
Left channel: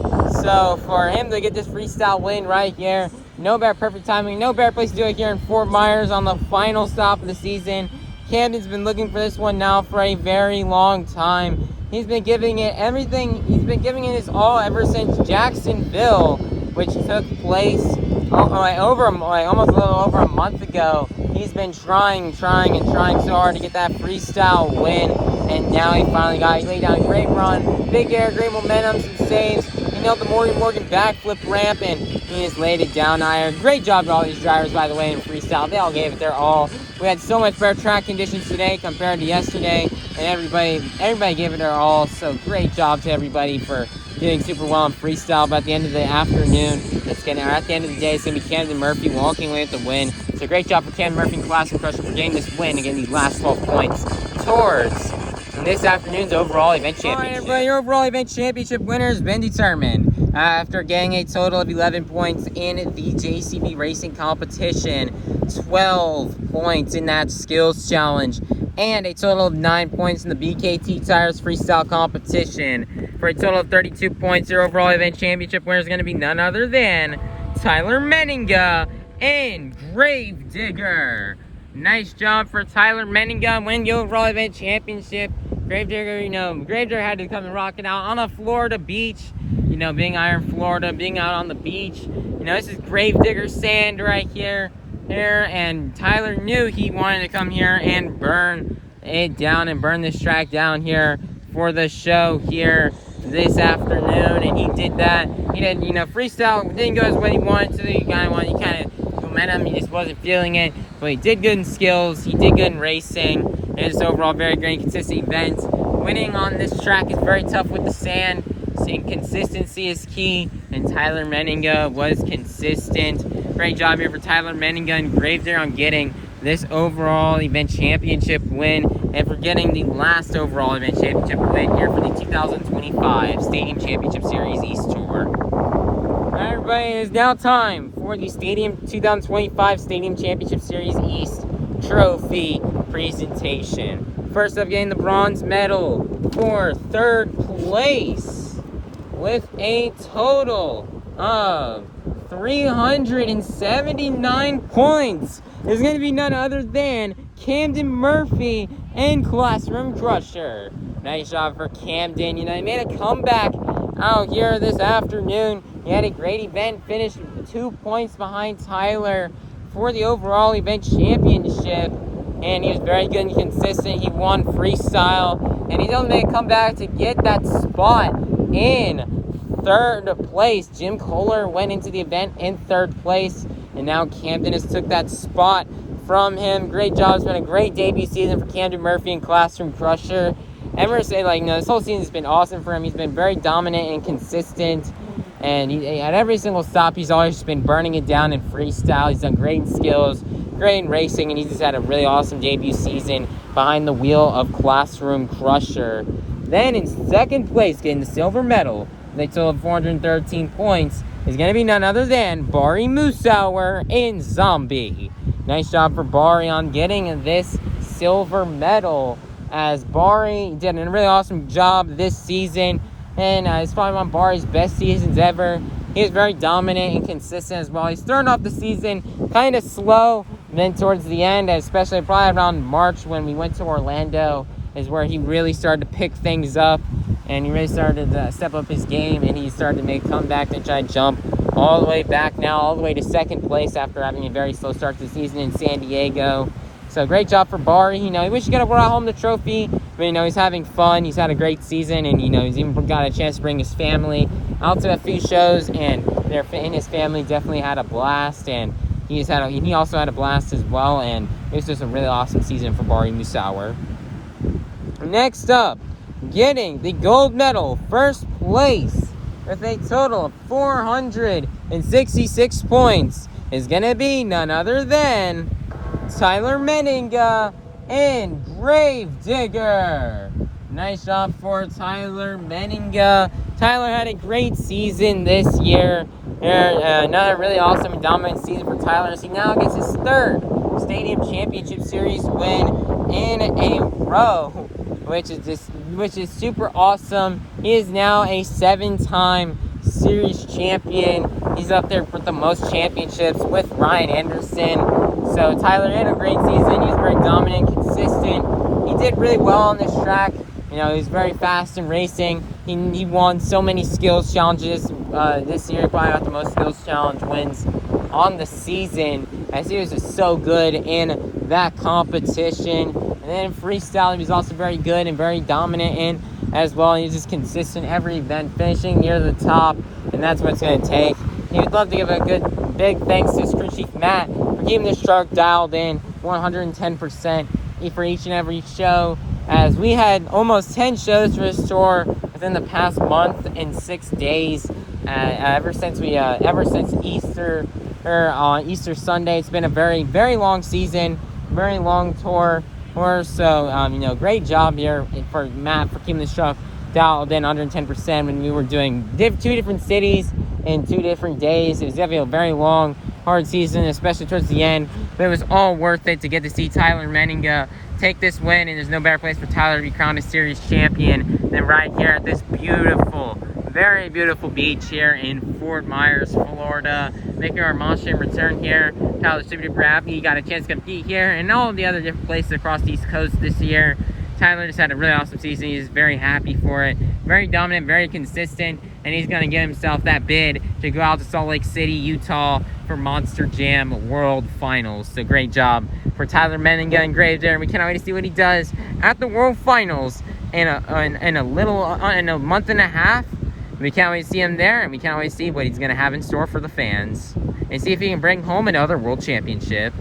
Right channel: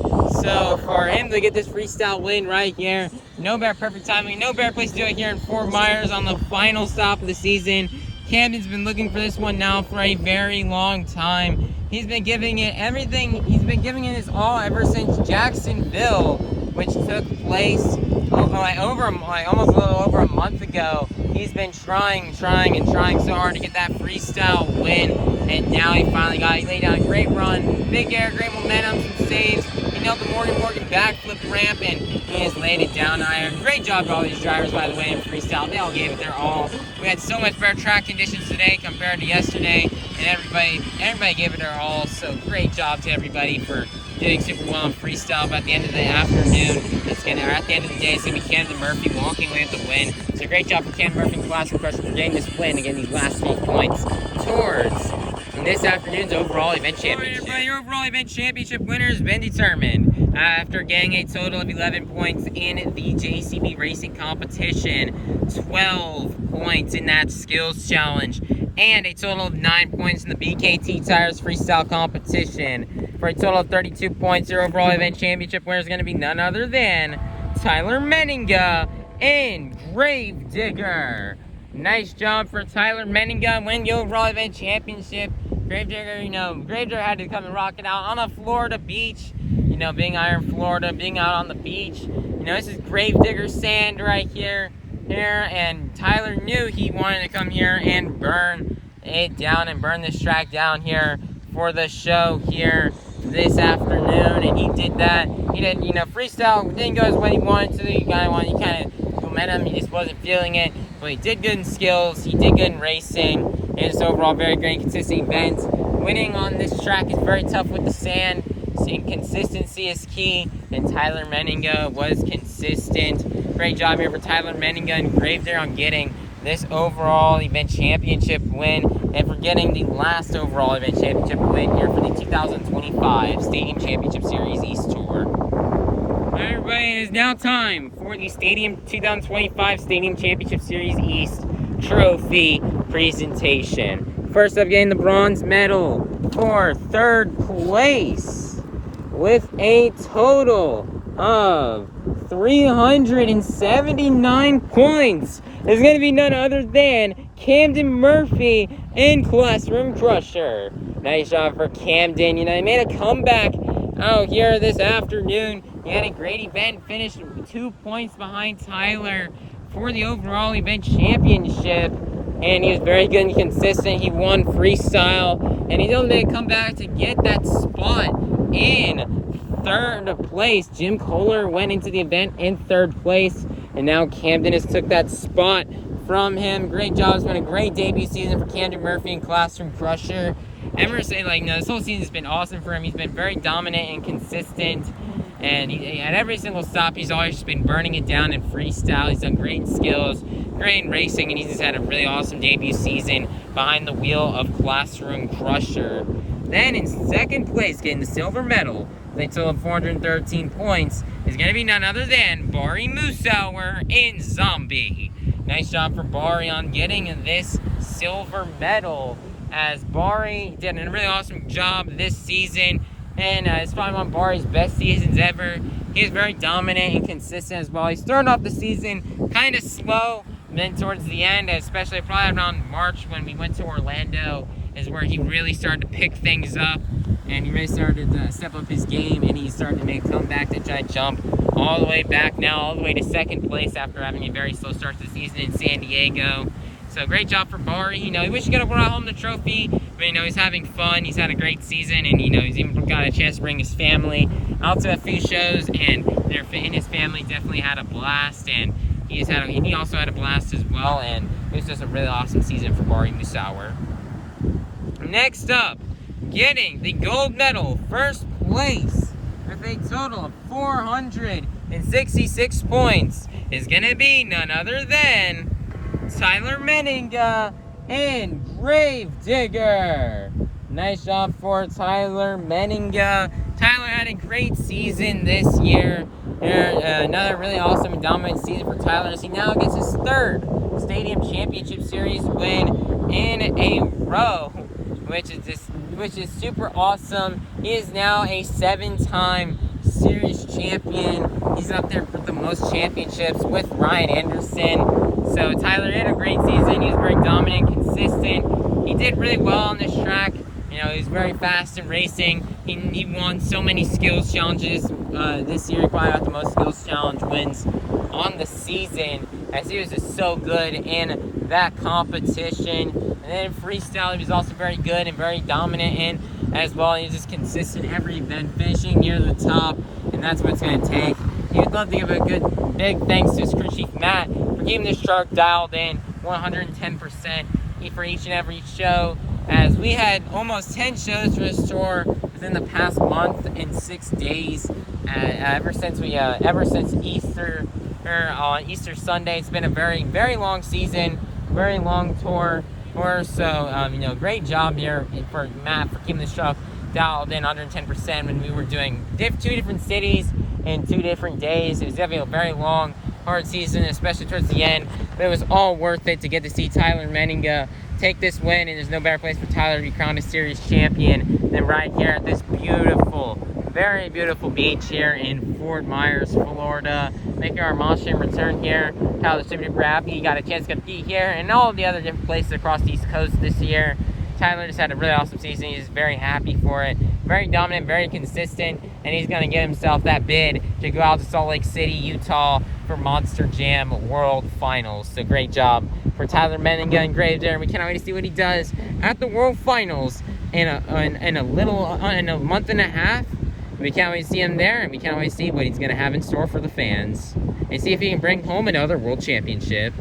So for him to get this freestyle win right here, no better perfect timing, no better place to do it here in Fort Myers on the final stop of the season. Camden's been looking for this one now for a very long time. He's been giving it everything. He's been giving it his all ever since Jacksonville, which took place almost a little over a month ago. He's been trying so hard to get that freestyle win, and now he finally got it. He laid down a great run, big air, great momentum, some saves. He nailed the Morgan backflip ramp, and he just laid it down higher. Great job to all these drivers, by the way, in freestyle. They all gave it their all. We had so much better track conditions today compared to yesterday, and everybody gave it their all. So great job to everybody for doing super well in freestyle. But at the end of the afternoon, at the end of the day, it's gonna be Camden Murphy walking away with the win. So great job for Camden Murphy and Classroom Crusher for getting this win and getting these last 12 points towards this afternoon's overall event championship. All right, everybody, your overall event championship winner has been determined after getting a total of 11 points in the JCB racing competition, 12 points in that skills challenge, and a total of 9 points in the BKT Tires freestyle competition. For a total of 32 points, your overall event championship winner is going to be none other than Tyler Menninga and Gravedigger. Nice job for Tyler Menninga, win the overall event championship. Gravedigger had to come and rock it out on a Florida beach. You know, being out in Florida, being out on the beach. You know, this is Gravedigger sand right here, and Tyler knew he wanted to come here and burn it down and burn this track down here for the show here this afternoon, and he did that. He did, freestyle didn't go as well he wanted to. He kind of momentum, he just wasn't feeling it, but he did good in skills, he did good in racing, and just overall very great consistent event. Winning on this track is very tough with the sand, so consistency is key, and Tyler Menninga was consistent. Great job here for Tyler Menninga and Gravedigger on getting this overall event championship win, and for getting the last overall event championship win here for the 2025 Stadium Championship Series East Tour. Alright, everybody, it is now time for the 2025 Stadium Championship Series East Trophy presentation. First up, getting the bronze medal for third place with a total of 379 points is going to be none other than Camden Murphy and Classroom Crusher. Nice job for Camden. He made a comeback out here this afternoon. He had a great event, finished 2 points behind Tyler for the overall event championship, and he was very good and consistent. He won freestyle, and he's only made a comeback to get that spot in third place. Jim Koehler went into the event in third place, and now Camden has took that spot from him. Great job. It's been a great debut season for Camden Murphy and Classroom Crusher. I'm going to say, this whole season has been awesome for him. He's been very dominant and consistent, and at every single stop, he's always just been burning it down in freestyle. He's done great in skills, great in racing, and he's just had a really awesome debut season behind the wheel of Classroom Crusher. Then in second place, getting the silver medal, they total of 413 points, is going to be none other than Bari Musawwir in Zombie. Nice job for Bari on getting this silver medal, as Bari did a really awesome job this season, and it's probably one of Bari's best seasons ever. He's very dominant and consistent as well. He's starting off the season kind of slow, and then towards the end, especially probably around March when we went to Orlando, is where he really started to pick things up, and he really started to step up his game, and he started to make a comeback to try to jump all the way back now, all the way to second place after having a very slow start to the season in San Diego. So great job for Bari. He wish he could have brought home the trophy, but he's having fun. He's had a great season, and he's even got a chance to bring his family out to a few shows, and his family definitely had a blast, and he also had a blast as well, and it was just a really awesome season for Bari Musawwir. Next up, getting the gold medal, first place, with a total of 466 points, is going to be none other than Tyler Menninga and Gravedigger. Nice job for Tyler Menninga. Tyler had a great season this year. Another really awesome and dominant season for Tyler, as he now gets his third Stadium Championship Series win in a row, which is super awesome. He is now a 7-time series champion. He's up there for the most championships with Ryan Anderson. So Tyler had a great season. He was very dominant, consistent. He did really well on this track. You know, he was very fast in racing. He won so many skills challenges. This year he probably got the most skills challenge wins on the season, as he was just so good in that competition. And then freestyle, he was also very good and very dominant in as well. He's just consistent every event, finishing near the top, and that's what it's going to take. He would love to give a good big thanks to his crew chief Matt for keeping this truck dialed in 110% for each and every show, as we had almost 10 shows for this tour within the past month and 6 days. Ever since Easter, or on Easter Sunday, it's been a very, very long season, very long tour. So, you know, great job here for Matt for keeping this truck dialed in under 10% when we were doing 2 different cities in 2 different days. It was gonna be a very long, hard season, especially towards the end. But it was all worth it to get to see Tyler Menninga take this win, and there's no better place for Tyler to be crowned a series champion than right here at this beautiful, very beautiful beach here in Fort Myers, Florida. Making our monster return here. Tyler's super duper happy he got a chance to compete here and all the other different places across the East Coast this year. Tyler just had a really awesome season. He's very happy for it. Very dominant, very consistent, and he's going to get himself that bid to go out to Salt Lake City, Utah for Monster Jam World Finals. So great job for Tyler Menninga and Graves there. We cannot wait to see what he does at the World Finals in a month and a half. We can't wait to see him there, and we can't wait to see what he's going to have in store for the fans and see if he can bring home another world championship.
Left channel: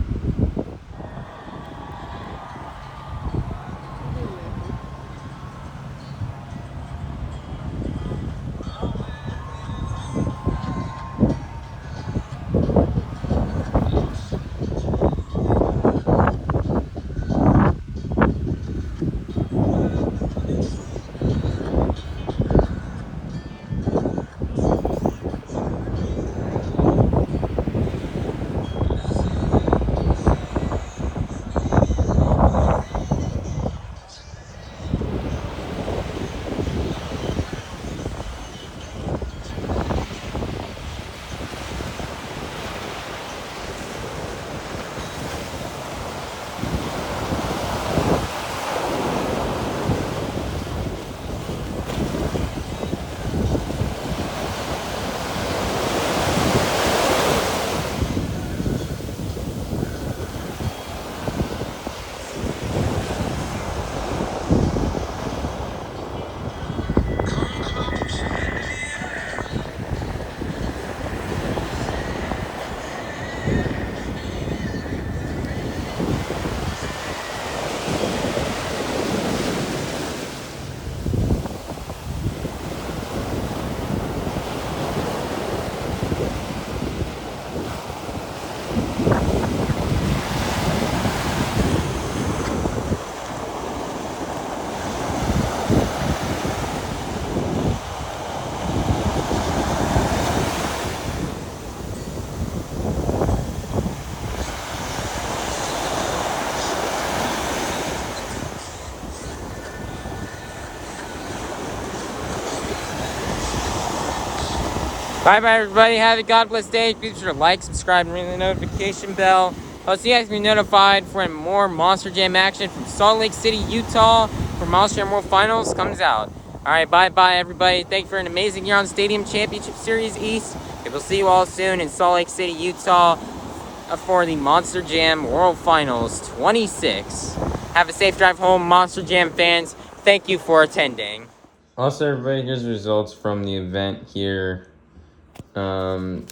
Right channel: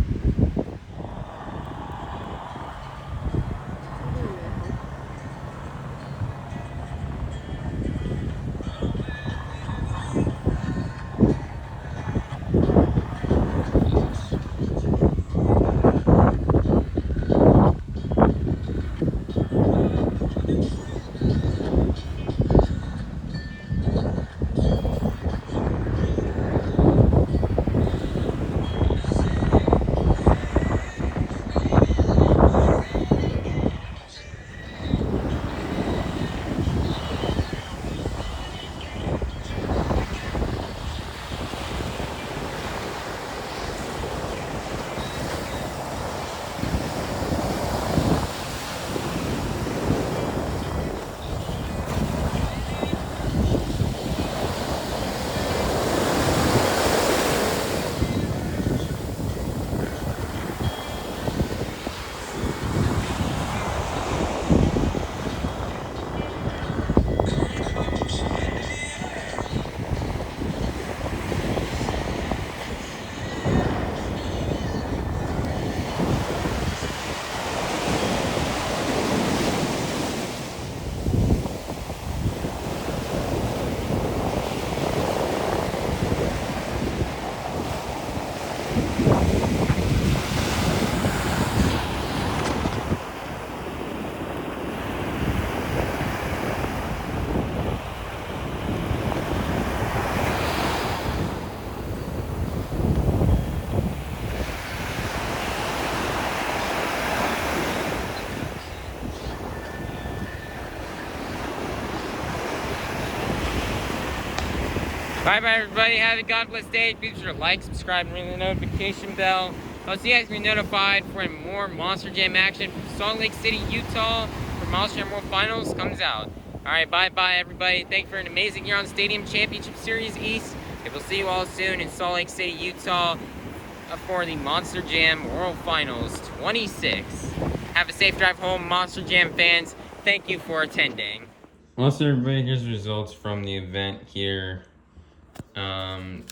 Bye-bye, everybody. Have a God bless day. Be sure to like, subscribe, and ring the notification bell. I'll see you guys be notified for more Monster Jam action from Salt Lake City, Utah, for Monster Jam World Finals comes out. All right, bye-bye, everybody. Thank you for an amazing year on Stadium Championship Series East. And we'll see you all soon in Salt Lake City, Utah, for the Monster Jam World Finals 26. Have a safe drive home, Monster Jam fans. Thank you for attending. Also, everybody, here's results from the event here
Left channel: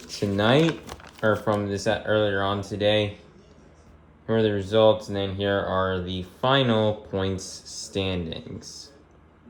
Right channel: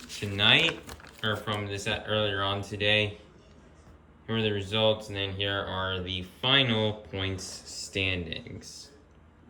tonight, or from this earlier on today. Here are the results, and then here are the final points standings.